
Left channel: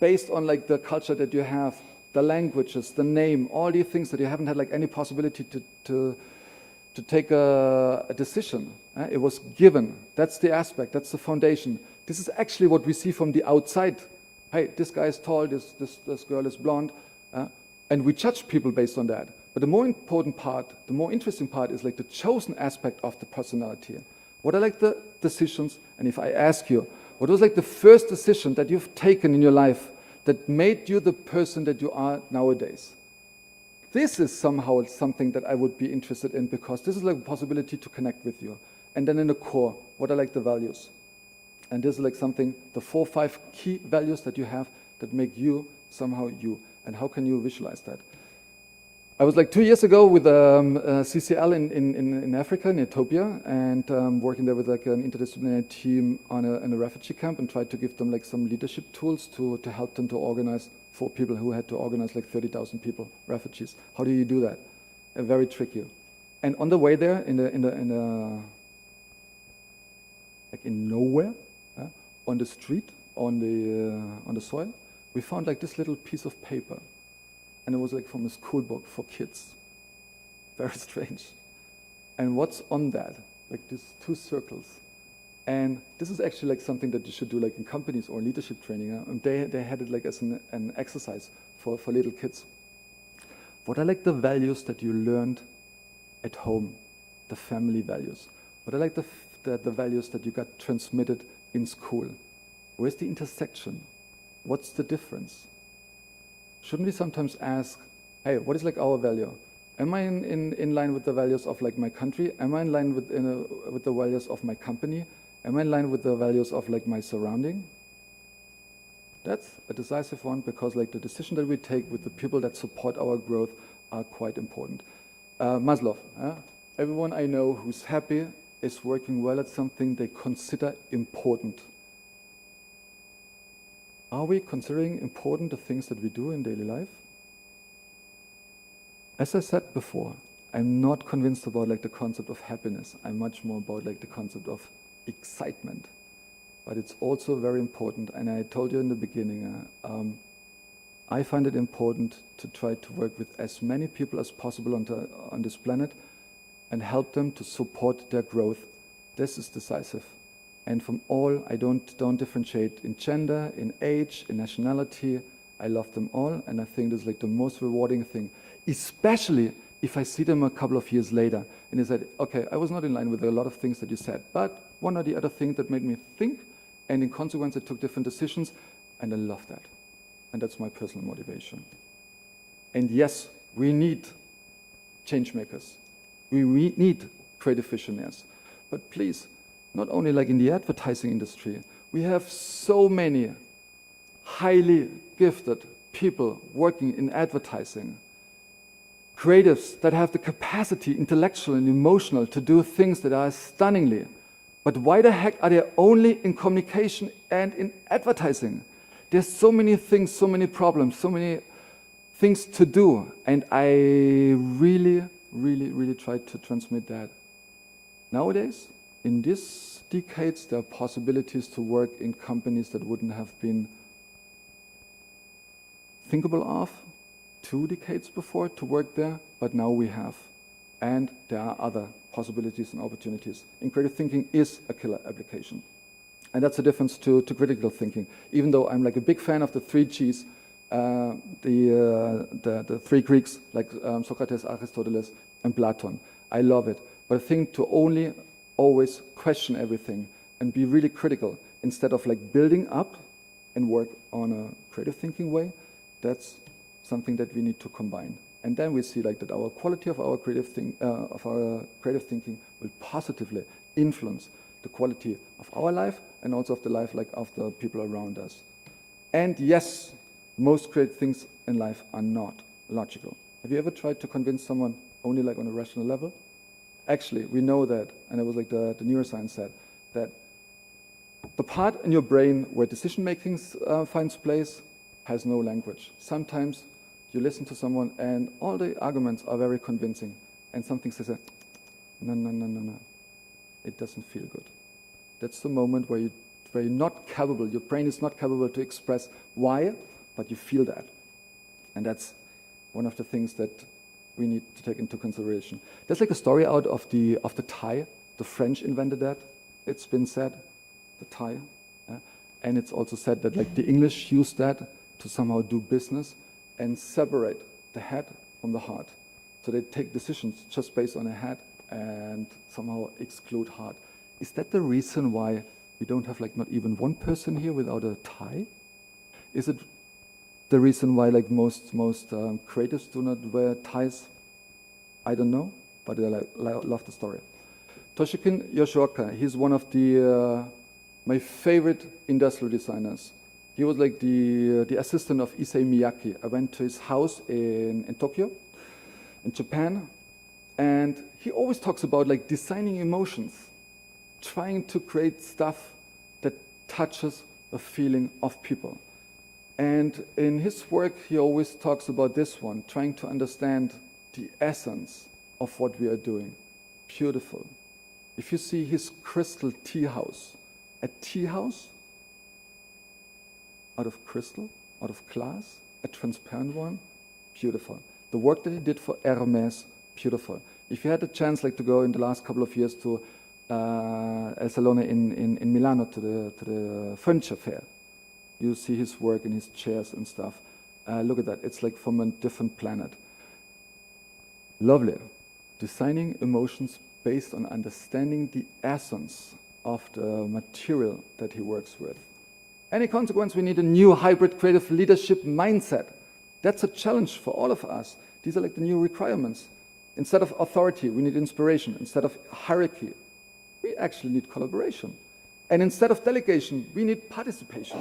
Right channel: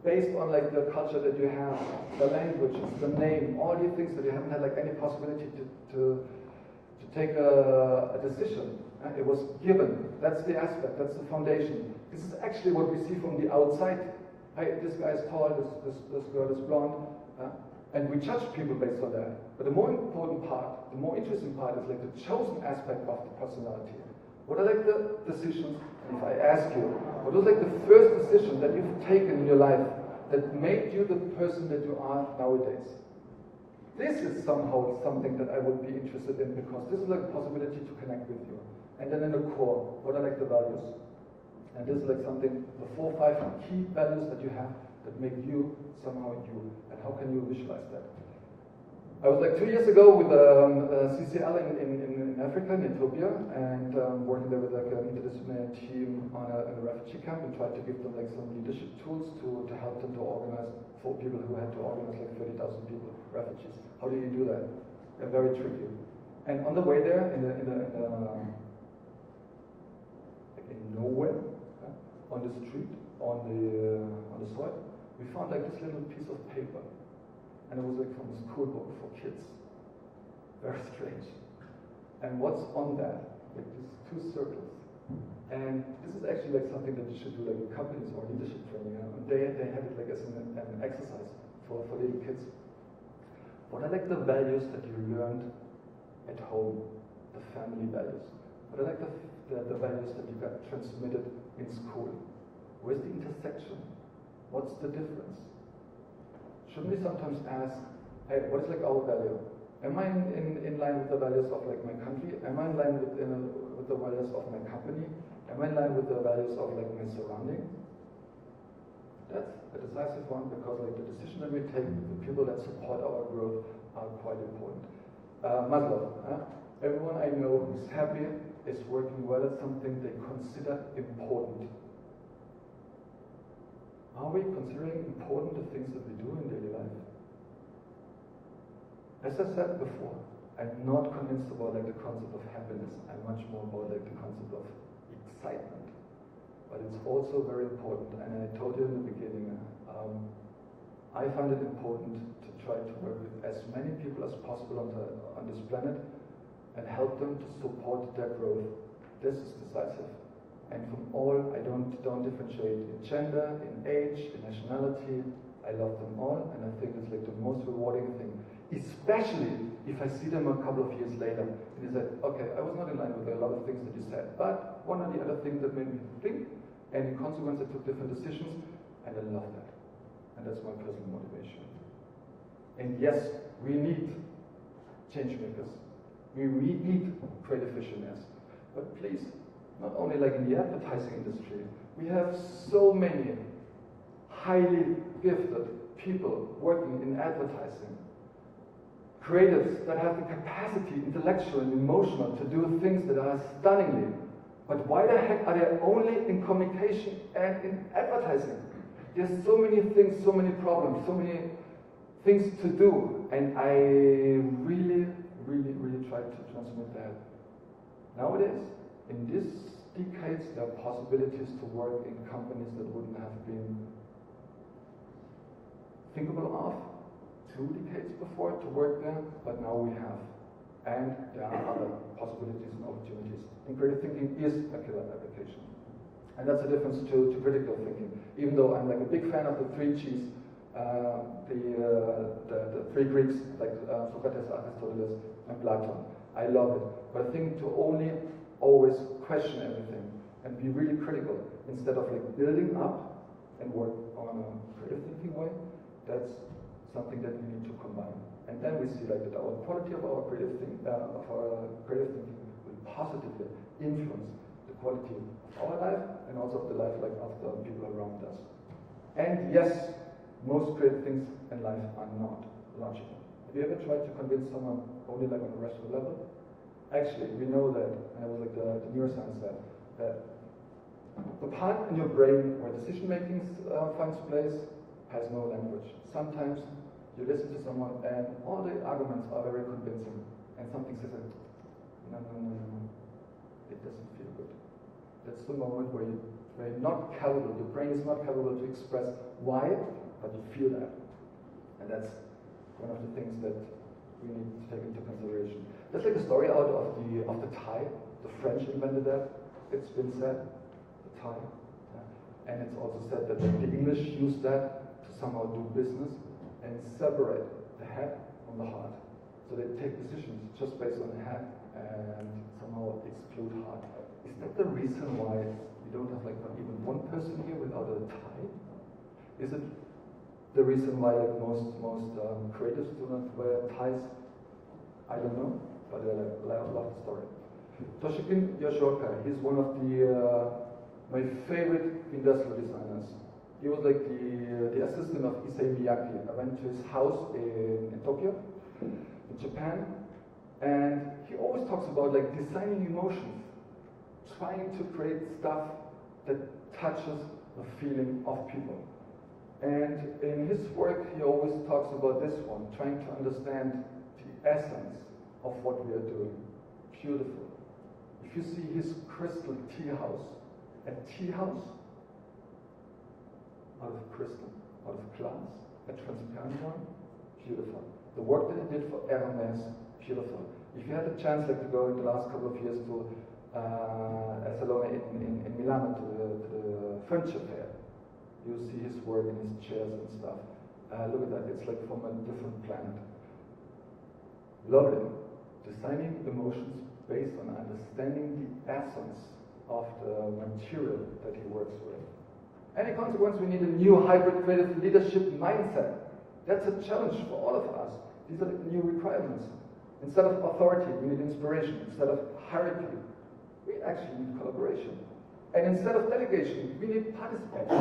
based on like the culture that you have, the languages, the name, all these things that you haven't had like any possibility to take a decision. It was given. That's the aspect, that's the foundation. This is actually what we see from the outside. Hey, this guy is tall, this girl is blonde, and we judge people based on that. But the more important part, the more interesting part is like the chosen aspect of the personality. What are like the decisions? And if I ask you, what was like the first decision that you've taken in your life that made you the person that you are nowadays. This is somehow something that I would be interested in, because this is like a possibility to connect with you. And then in the core, what are like the values? And this is like something, the 4 or 5 key values that you have that make you somehow you. And how can you visualize that? I was like 2 years ago with CCL in Africa, in Ethiopia, and working there with like an interdisciplinary team in a refugee camp, and tried to give them like some leadership tools to help them to organize for people who had to organize like 30,000 people, refugees. How do you do that? Very tricky. And on the way there, like in nowhere, on the street, on the soil, we found like this little piece of paper. And it was like from a school book for kids. Very strange. And what's on that? Like these 2 circles. And this is actually like something that you should do like in companies or leadership training. And they had it like as an exercise for little kids. What are like the values that you learned at home? The family values. What are like the values that you got transmitted in school? Where's the intersection? What's the difference? Shouldn't we sometimes ask, hey, what is like our value? Am I in line with the values of like my country? Am I in line with the values of my company? Am I in line with the values of like my surrounding? That's a decisive one, because like the decision that we take with the people that support our growth are quite important. Maslow, everyone I know who's happy is working well at something they consider important. Are we considering important the things that we do in daily life? As I said before, I'm not convinced about like the concept of happiness. I'm much more about like the concept of excitement. But it's also very important, and I told you in the beginning, I find it important to try to work with as many people as possible on this planet and help them to support their growth. This is decisive. And from all, I don't differentiate in gender, in age, in nationality. I love them all, and I think this is like the most rewarding thing, especially if I see them a couple of years later and they said, okay, I was not in line with a lot of things that you said, but one or the other thing that made me think, and in consequence I took different decisions, and I love that. And that's my personal motivation. And yes, we need change makers. We need creative visionaries. But please, not only like in the advertising industry, we have so many highly gifted people working in advertising. Creatives that have the capacity, intellectual and emotional, to do things that are stunningly. But why the heck are they only in communication and in advertising? There's so many things, so many problems, so many things to do. And I really try to transmit that. Nowadays, in these decades, there are possibilities to work in companies that wouldn't have been thinkable of 2 decades before to work there, but now we have. And there are other possibilities and opportunities. And creative thinking is a killer application. And that's the difference to critical thinking. Even though I'm like a big fan of the 3 Gs, the 3 Greeks, like Socrates, Aristoteles, and Platon. I love it. But I think to only always question everything and be really critical instead of like building up and work on a creative thinking way, that's something that we need to combine. And then we see like that our quality of our creative thinking will positively influence the quality of our life and also of the life like of the people around us. And yes, most creative things in life are not logical. Have you ever tried to convince someone only like on a rational level? Actually, we know that, and it was like the neuroscience said, that the part in your brain where decision making finds place has no language. Sometimes you listen to someone and all the arguments are very convincing, and something says, no, it doesn't feel good. That's the moment where you're not capable, your brain is not capable to express why, but you feel that. And that's one of the things that we need to take into consideration. There's like a story out of the tie. The French invented that. It's been said, the tie. And it's also said that like the English used that to somehow do business and separate the head from the heart. So they take decisions just based on the head and somehow exclude heart. Is that the reason why we don't have like not even one person here without a tie? Is it the reason why like most creatives do not wear ties, I don't know, but I love the story. Toshikin Yoshioka, he's one of the my favorite industrial designers. He was like the assistant of Issei Miyake. I went to his house in Tokyo, in Japan, and he always talks about like designing emotions, trying to create stuff that touches a feeling of people. And in his work, he always talks about this one, trying to understand the essence of what we are doing. Beautiful. If you see his crystal tea house, a tea house out of crystal, out of glass, a transparent one, beautiful. The work that he did for Hermes, beautiful. If you had the chance like to go in the last couple of years to El Salone in Milano, to the furniture fair, you see his work and his chairs and stuff. Look at that, it's like from a different planet. Lovely. Designing emotions based on understanding the essence of the material that he works with. Any consequence, we need a new hybrid creative leadership mindset. That's a challenge for all of us. These are like the new requirements. Instead of authority, we need inspiration. Instead of hierarchy, we actually need collaboration. And instead of delegation, we need participation.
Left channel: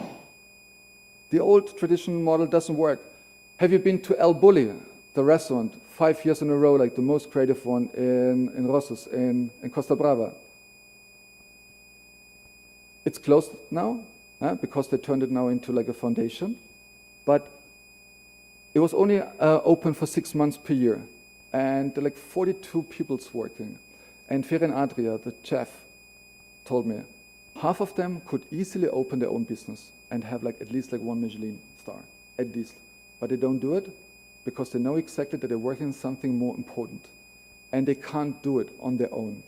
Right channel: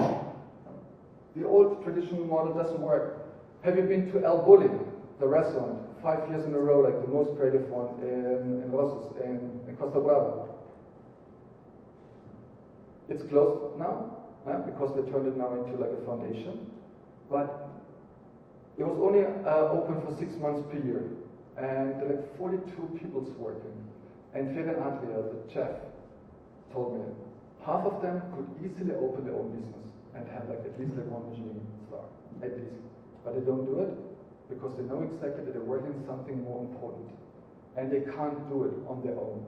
The old traditional model doesn't work. Have you been to El Bulli, the restaurant, 5 years in a row, like the most creative one in Rossos, in Costa Brava? It's closed now, because they turned it now into like a foundation. But it was only open for 6 months per year. And there are like 42 people's working. And Ferin Adria, the chef, told me, half of them could easily open their own business and have like at least like 1 Michelin star, at least. But they don't do it because they know exactly that they're working on something more important. And they can't do it on their own.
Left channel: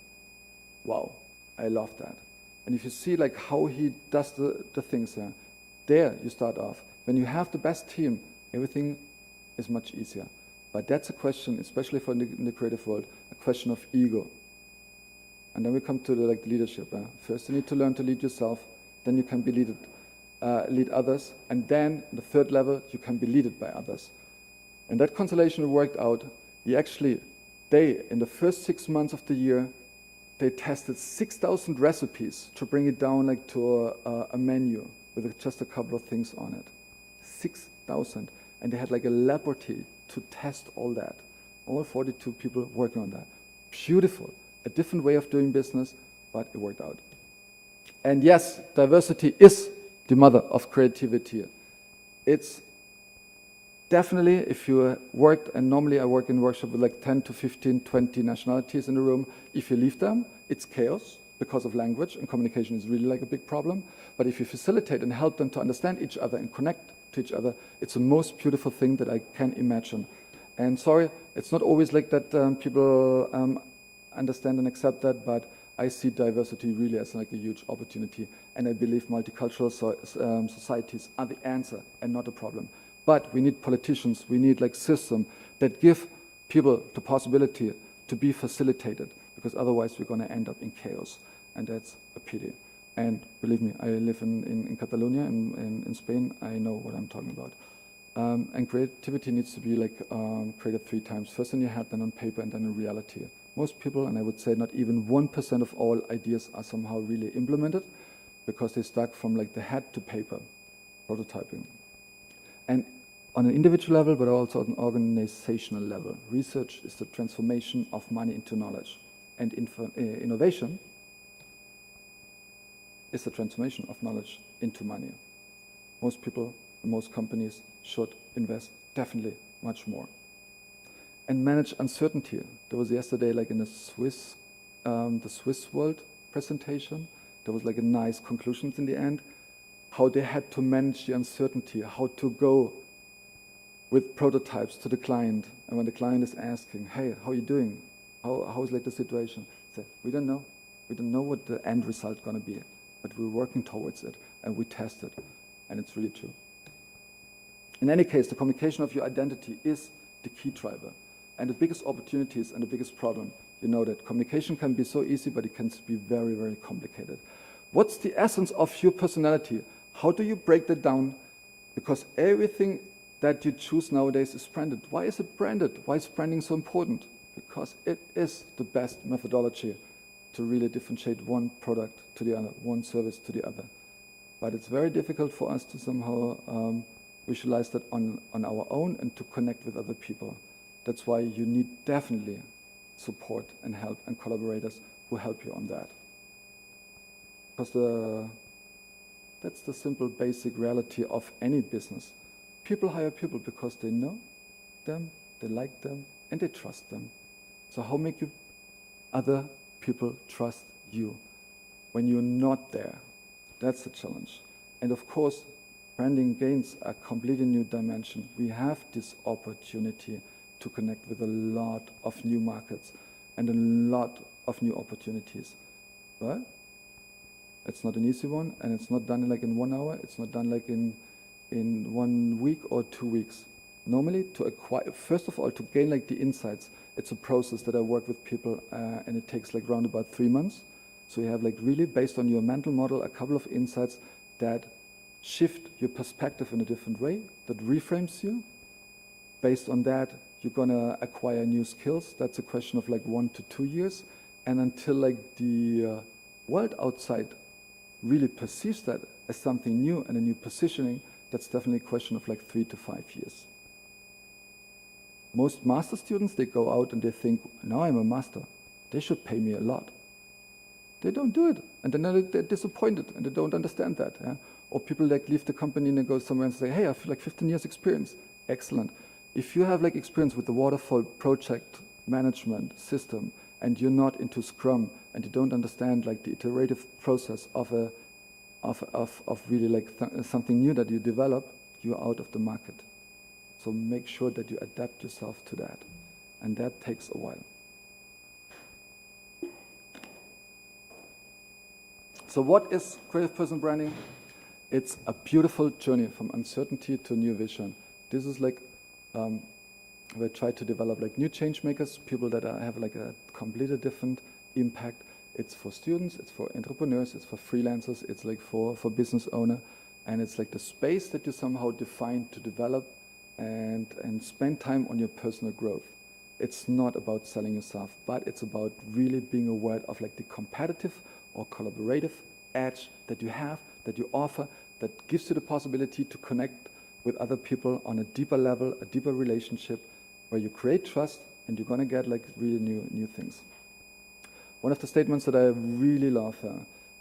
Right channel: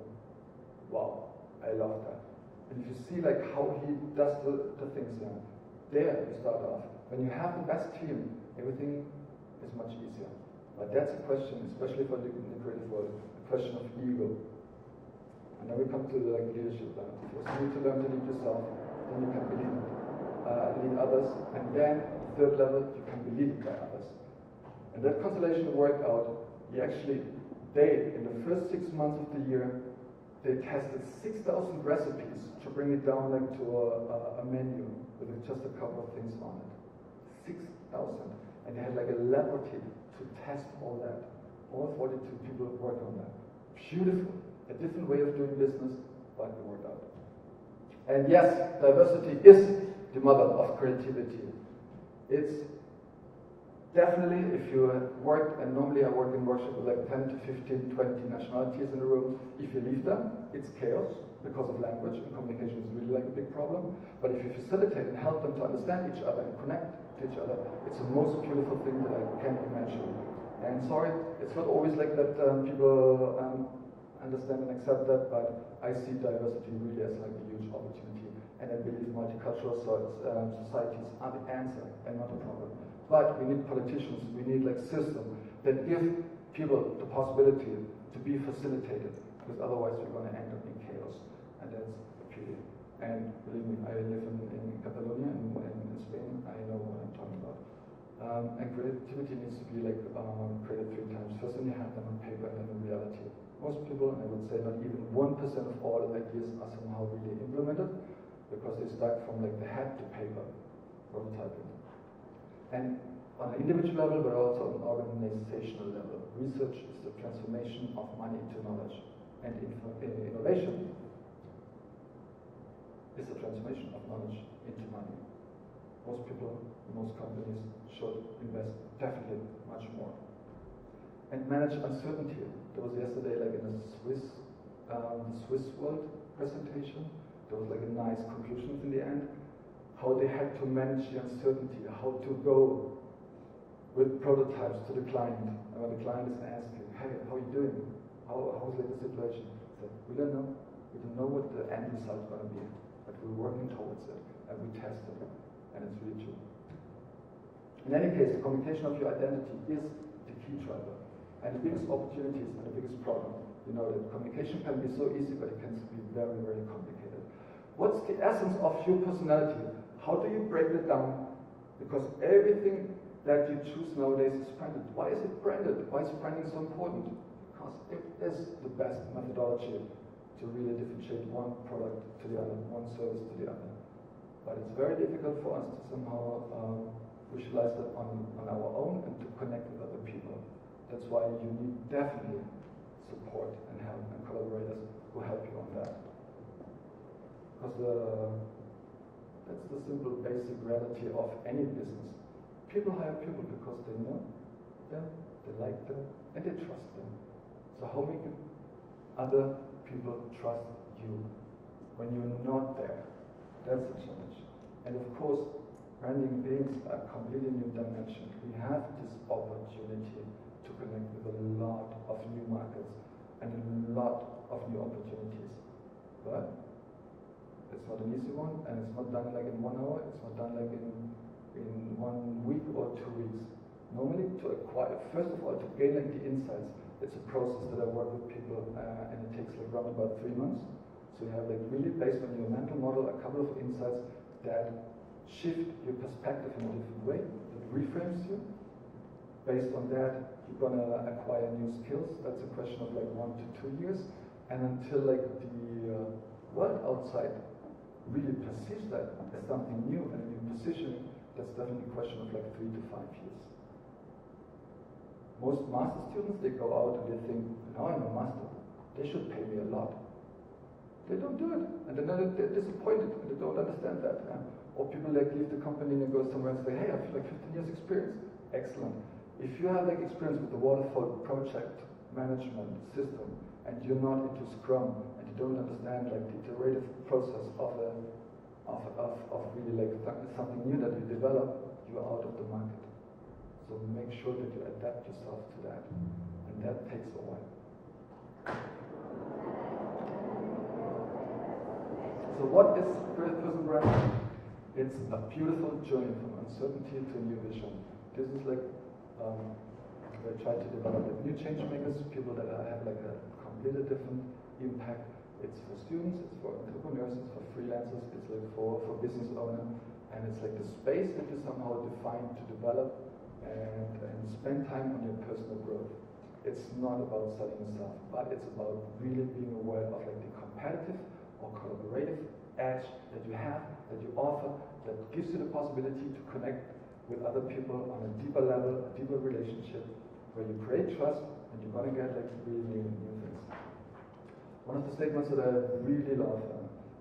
Wow, I love that. And if you see like how he does the things there you start off. When you have the best team, everything is much easier. But that's a question, especially for in the creative world, a question of ego. And then we come to the leadership. First you need to learn to lead yourself, then you can be lead others, and then the third level, you can be led by others. And that constellation worked out. In the first 6 months of the year, they tested 6,000 recipes to bring it down like to a menu with just a couple of things on it. 6,000. And they had like a laboratory to test all that. All 42 people working on that. Beautiful. A different way of doing business, but it worked out. And yes, diversity is the mother of creativity. It's definitely, if you worked, and normally I work in workshop with like 10 to 15, 20 nationalities in the room, if you leave them, it's chaos because of language, and communication is really like a big problem. But if you facilitate and help them to understand each other and connect to each other, it's the most beautiful thing that I can imagine. And sorry, it's not always like that people understand and accept that, but I see diversity really as like a huge opportunity, and I believe multicultural societies are the answer and not a problem. But we need politicians, we need like systems that give people the possibility to be facilitated, because otherwise we're going to end up in chaos, and that's a pity. And believe me, I live in Catalonia, in Spain, I know what I'm talking about. And creativity needs to be like created 3 times. First in your head, then on paper, and then in reality. Most people, and I would say not even 1% of all ideas are somehow really implemented, because they start from like the head to paper, prototyping. And on an individual level, but also on an organizational level, research is the transformation of money into knowledge. And innovation is the transformation of knowledge into money. Most people, most companies should invest definitely much more. And manage uncertainty. There was yesterday, like in the Swiss World presentation, there was like a nice conclusions in the end, how they had to manage the uncertainty, how to go with prototypes to the client. And when the client is asking, hey, how are you doing? How is like the situation? So we don't know. We don't know what the end result gonna be, but we're working towards it, and we test it, and it's really true. In any case, the communication of your identity is the key driver. And the biggest opportunities and the biggest problem, you know that communication can be so easy, but it can be very, very complicated. What's the essence of your personality? How do you break that down? Because everything that you choose nowadays is branded. Why is it branded? Why is branding so important? Because it is the best methodology to really differentiate one product to the other, one service to the other. But it's very difficult for us to somehow visualize that on our own and to connect with other people. That's why you need definitely support and help and collaborators who help you on that. Because that's the simple basic reality of any business. People hire people because they know them, they like them, and they trust them. So how make you other people trust you when you're not there? That's the challenge. And of course, branding gains a completely new dimension. We have this opportunity to connect with a lot of new markets and a lot of new opportunities. But it's not an easy one, and it's not done like in 1 hour, it's not done like in 1 week or 2 weeks. Normally, to acquire, first of all, to gain like the insights, it's a process that I work with people, and it takes like around about 3 months. So you have like really, based on your mental model, a couple of insights that shift your perspective in a different way, that reframes you. Based on that, you're gonna acquire new skills. That's a question of like 1 to 2 years. And until like the world outside really perceives that as something new and a new positioning, that's definitely a question of like 3 to 5 years. Most master students, they go out and they think, now I'm a master, they should pay me a lot. They don't do it, and then they're disappointed and they don't understand that. Yeah? Or people like leave the company and they go somewhere and say, hey, I have like 15 years experience. Excellent. If you have like experience with the waterfall project management system and you're not into Scrum and you don't understand like the iterative process of really like something new that you develop, you're out of the market. So make sure that you adapt yourself to that, and that takes a while. So what is creative person branding? It's a beautiful journey from uncertainty to new vision. This is like we try to develop like new change makers, people that have like a completely different impact. It's for students, it's for entrepreneurs, it's for freelancers, it's like for business owner, and it's like the space that you somehow define to develop and spend time on your personal growth. It's not about selling yourself, but it's about really being aware of like the competitive or collaborative edge that you have, that you offer, that gives you the possibility to connect with other people on a deeper level, a deeper relationship, where you create trust and you're gonna get like really new things. One of the statements that I really love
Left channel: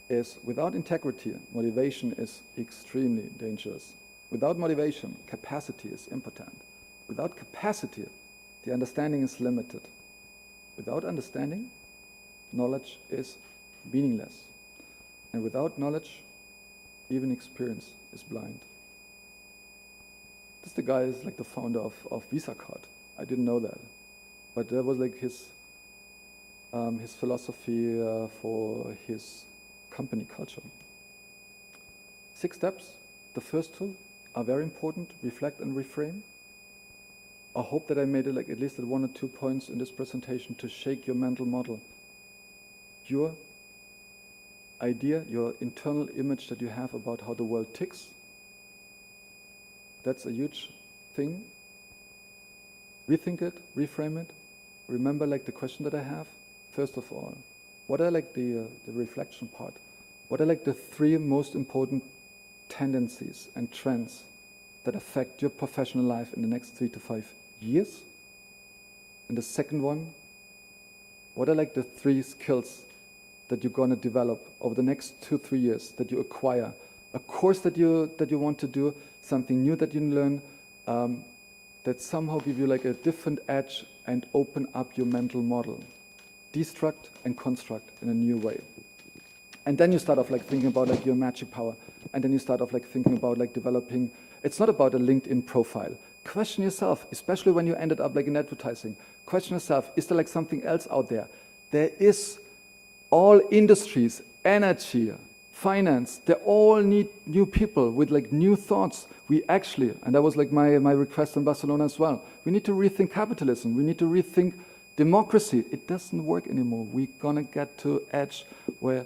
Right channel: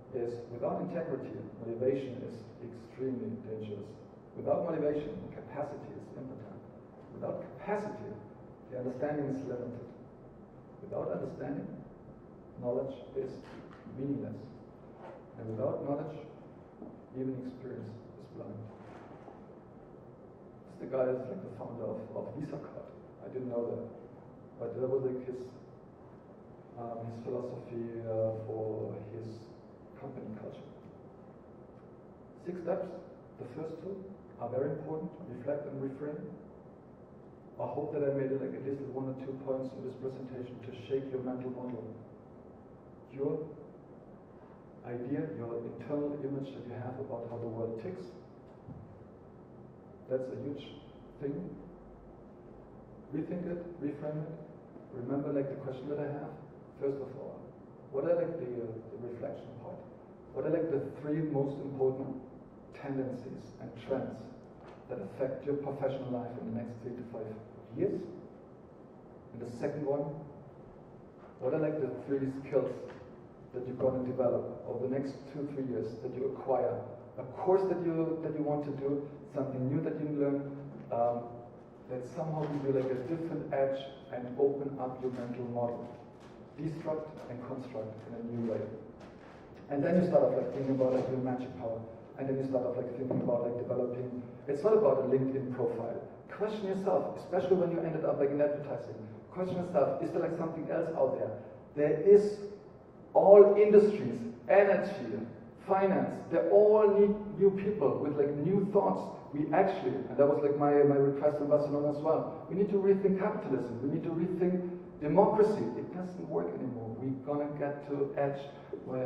is, without integrity, motivation is extremely dangerous. Without motivation, capacity is impotent. Without capacity, the understanding is limited. Without understanding, knowledge is meaningless. And without knowledge, even experience is blind. This the guy is like the founder of Visa Card. I didn't know that. But that was like his philosophy for his company culture. 6 steps. The first 2 are very important: reflect and reframe. I hope that I made it like at least at 1 or 2 points in this presentation to shake your mental model. Your idea, your internal image that you have about how the world ticks, that's a huge thing. Rethink it, reframe it. Remember like the question that I have. First of all, what are like the reflection part? What are like the 3 most important tendencies and trends that affect your professional life in the next 3 to 5 years? And the second one, what are like the 3 skills that you're going to develop over the next 2-3 years, that you acquire? A course that you want to do, something new that you learn, that somehow give you like a different edge and open up your mental model. Destruct and construct in a new way. And then you start off like thinking about like your magic power. And then you start off like thinking about like developing. It's not about a LinkedIn profile. Question yourself, especially when you ended up like in advertising. Question yourself, is there like something else out there? There is. All industries, energy, finance, they all need new people with like new thoughts. We actually, and that was like my request in Barcelona as well, we need to rethink capitalism. We need to rethink democracy. It doesn't work anymore. We're gonna get to edge where,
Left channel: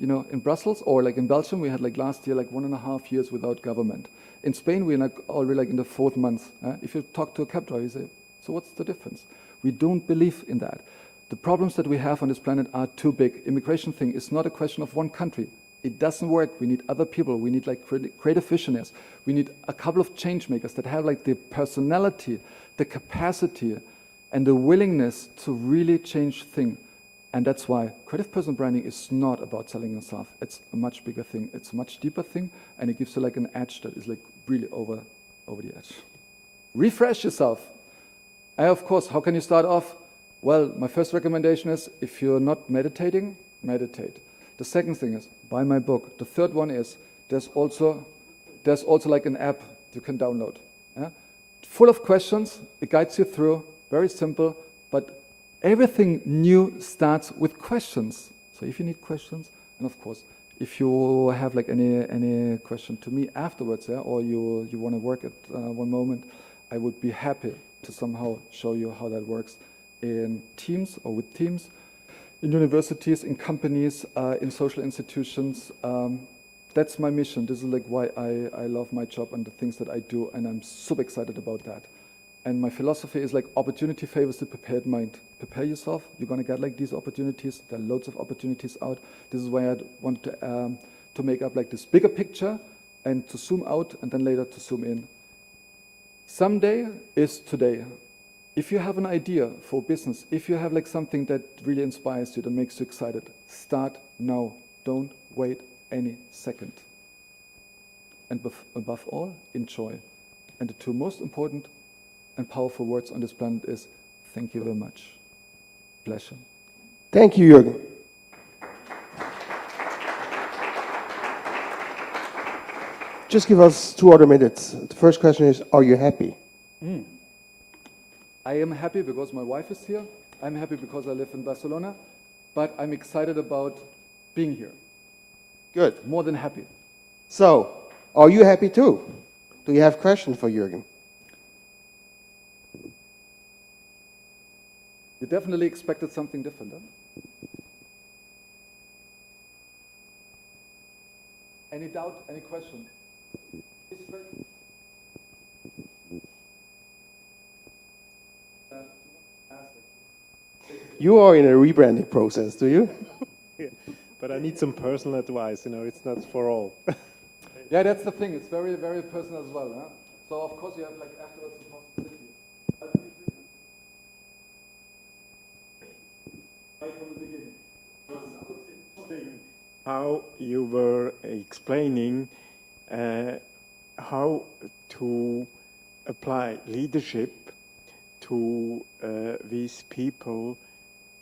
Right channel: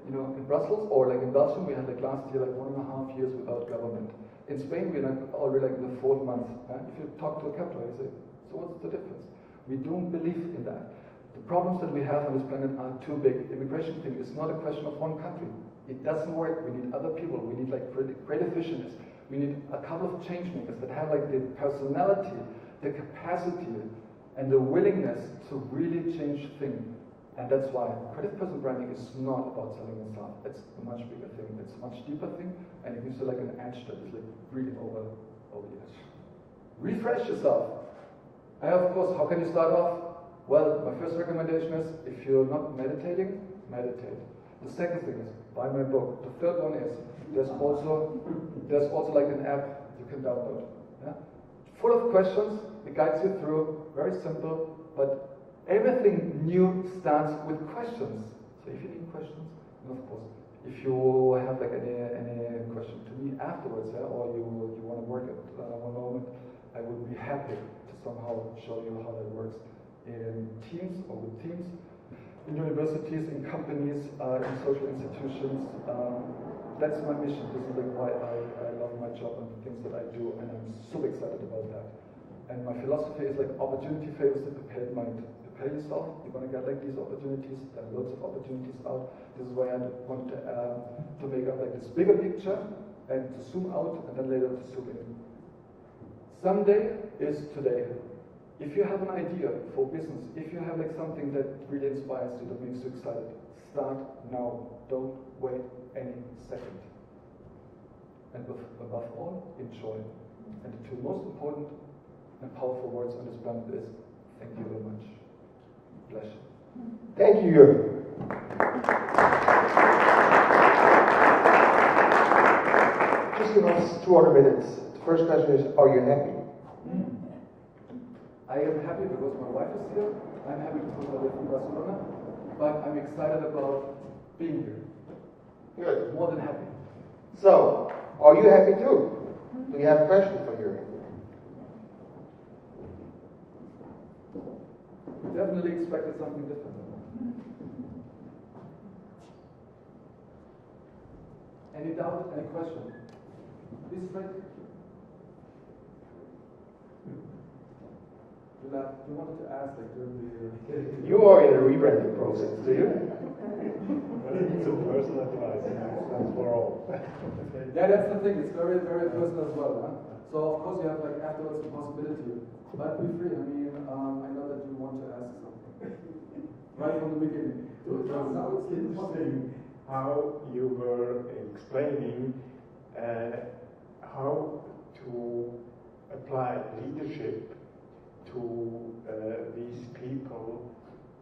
you know, in Brussels or like in Belgium, we had like last year like 1.5 years without government. In Spain, we're like already like in the 4th month. If you talk to a cab driver, you say, so what's the difference? We don't believe in that. The problems that we have on this planet are too big. Immigration thing is not a question of one country. It doesn't work. We need other people. We need like creative visionaries. We need a couple of change makers that have like the personality, the capacity, and the willingness to really change things. And that's why creative person branding is not about selling yourself. It's a much bigger thing. It's a much deeper thing, and it gives you like an edge that is like really over the edge. Refresh yourself. Of course, how can you start off? Well, my first recommendation is, if you're not meditating, meditate. The second thing is, buy my book. The third one is, there's also like an app you can download. Yeah? Full of questions, it guides you through, very simple, but everything new starts with questions. So if you need questions, and of course, if you have like any question to me afterwards, yeah, or you want to work at one moment, I would be happy to somehow show you how that works in teams or with teams, in universities, in companies, in social institutions. That's my mission. This is like why I love my job and the things that I do, and I'm super excited about that. And my philosophy is like, opportunity favors the prepared mind. Prepare yourself, you're gonna get like these opportunities. There are loads of opportunities out. This is why I want to make up like this bigger picture and to zoom out and then later to zoom in. Someday is today. If you have an idea for business, if you have like something that really inspires you, that makes you excited, start now. Don't wait any second. And above all, enjoy. And the two most important and powerful words on this planet is, thank you very much. Pleasure. Thank you, Jürgen. Just give us 2 other minutes. The first question is, are you happy? I am happy because my wife is here. I'm happy because I live in Barcelona. But I'm excited about being here. Good. More than happy. So, are you happy too? Do you have questions for Jürgen? You definitely expected something different. Any doubt? Any question? This is right. You wanted to ask, like, You are in a rebranding process, do you? But I need some personal advice, you know, it's not for all. Yeah, that's the thing. It's very, very personal as well. Huh? So of course you have like afterwards the possibility. But be free. I mean, I know that you want to ask something right from the beginning. Sounds interesting. How you were explaining how to apply leadership to these people,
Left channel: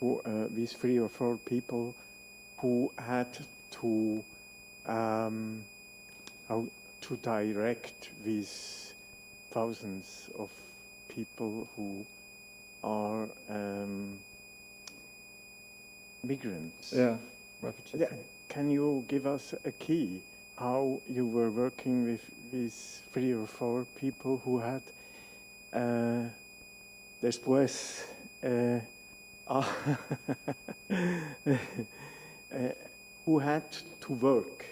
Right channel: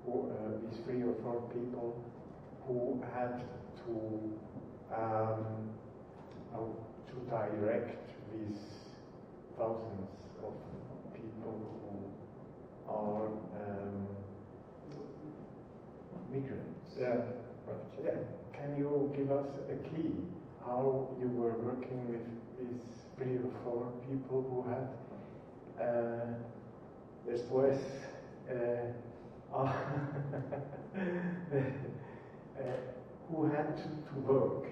who, these 3 or 4 people who had to direct these thousands of people who are migrants. Yeah, refugees. Yeah. Can you give us a key how you were working with these 3 or 4 people who had después who had to work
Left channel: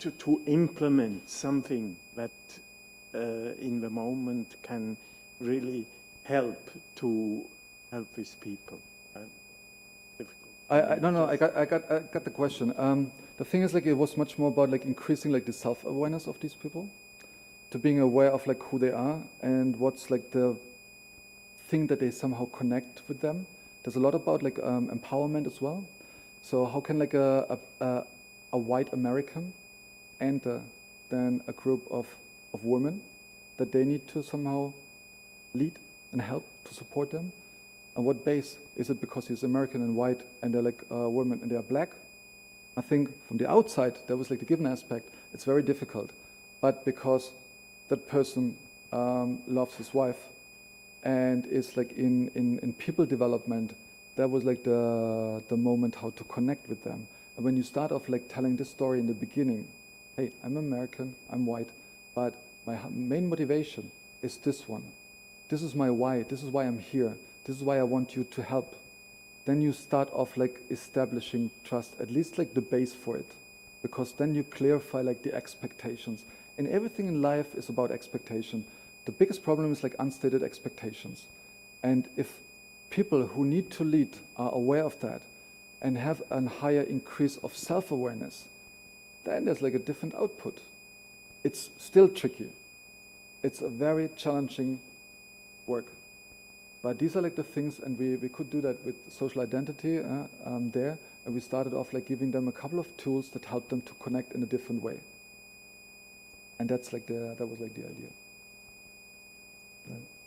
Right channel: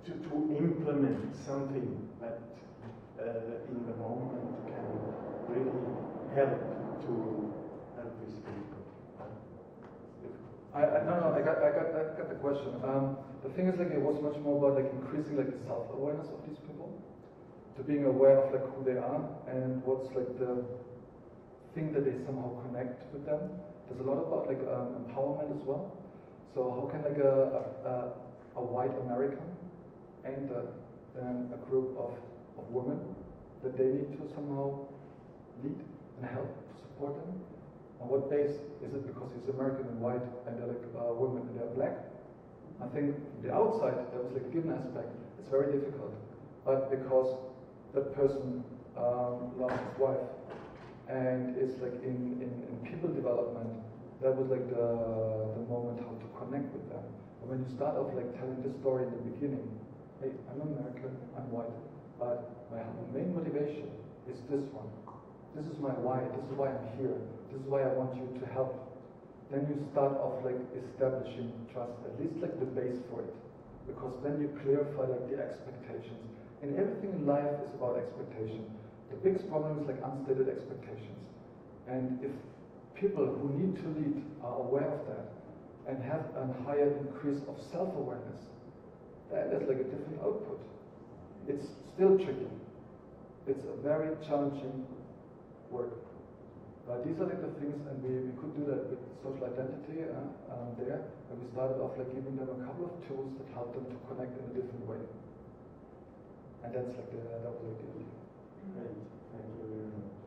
to implement something that in the moment can really help these people? I got the question. The thing is, like, it was much more about like increasing like the self-awareness of these people, to being aware of like who they are and what's like the thing that they somehow connect with them. There's a lot about like empowerment as well. So how can like a white American enter then a group of women that they need to somehow lead and help to support them? On what base? Is it because he's American and white and they're like women and they're black? I think from the outside, there was like the given aspect, it's very difficult. But because that person loves his wife and is like in people development, that was like the moment how to connect with them. And when you start off like telling this story in the beginning, hey, I'm American, I'm white, but my main motivation is this one. This is my why, this is why I'm here, this is why I want you to help. Then you start off like establishing trust, at least like the base for it. Because then you clarify like the expectations. And everything in life is about expectation. The biggest problem is like unstated expectations. And if people who need to lead are aware of that and have a higher increase of self-awareness, then there's like a different output. It's still tricky. It's a very challenging work. But these are like the things, and we could do that with social identity there, and we started off like giving them a couple of tools that help them to connect in a different way. And that's like that was like the idea.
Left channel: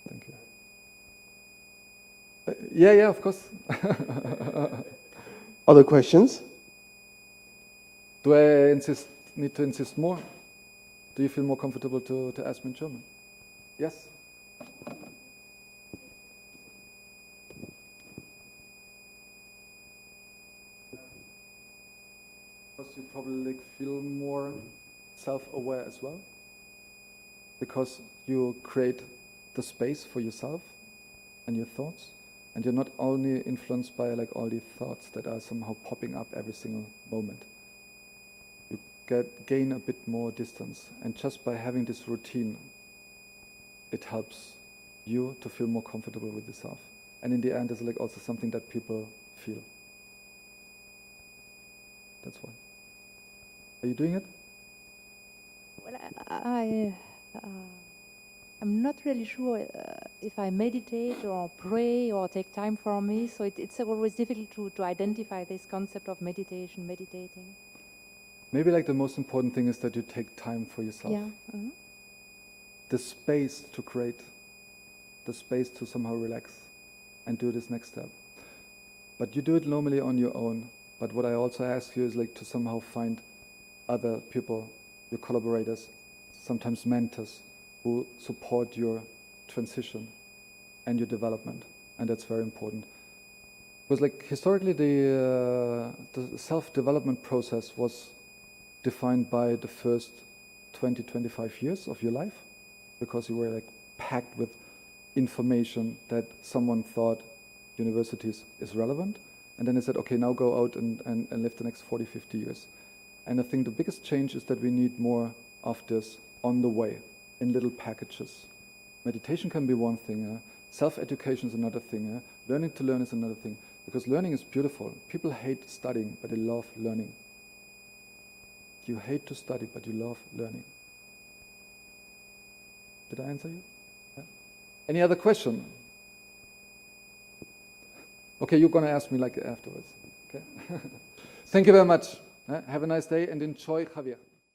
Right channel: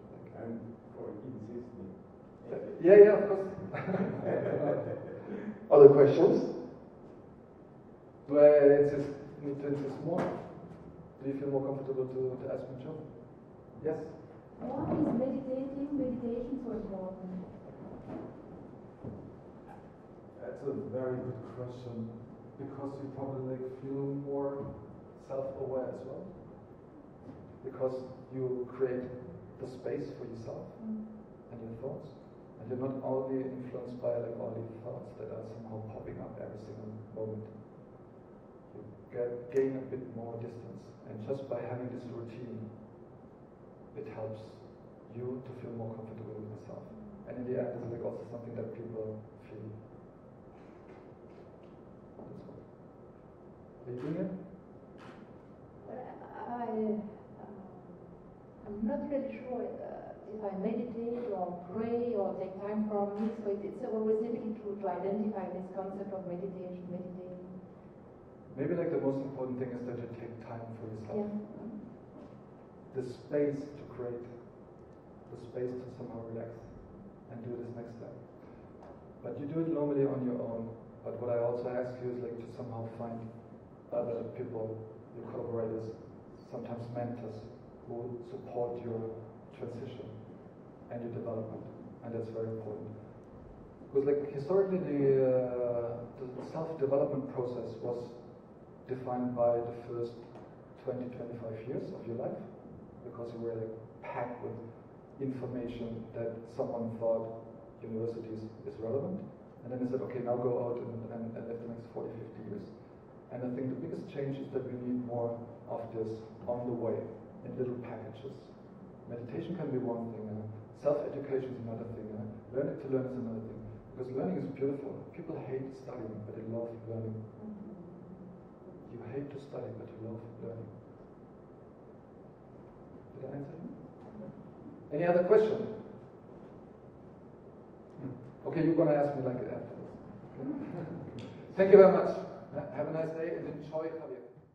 Thank you. Yeah, of course. Other questions? Do I need to insist more? Do you feel more comfortable to ask me in German? Yes? Why is meditation so important? That's a very good question. Because you probably like feel more self-aware as well. Because you create the space for yourself and your thoughts. And you're not only influenced by like all the thoughts that are somehow popping up every single moment. You gain a bit more distance. And just by having this routine, it helps you to feel more comfortable with yourself. And in the end, it's like also something that people feel. That's why. Are you doing it? Well, I'm not really sure if I meditate or pray or take time for me, so it's always difficult to identify this concept of meditating. Maybe like the most important thing is that you take time for yourself. Yeah. The space to create, the space to somehow relax and do this next step. But you do it normally on your own. But what I also ask you is like to somehow find other people, your collaborators, sometimes mentors, who support your transition and your development. And that's very important. Because like historically the self-development process was defined by the first 20, 25 years of your life, because you were like packed with information that someone thought universities is relevant. And then they said, okay, now go out and live the next 40, 50 years. And I think the biggest change is that we need more of this on the way, in little packages. Meditation can be one thing, self-education is another thing, learning to learn is another thing. Because learning is beautiful. People hate studying, but they love learning. You hate to study, but you love learning. Did I answer you? Yeah. Any other question? Okay, you're going to ask me like afterwards. Okay. Thank you very much. Have a nice day and enjoy Javier.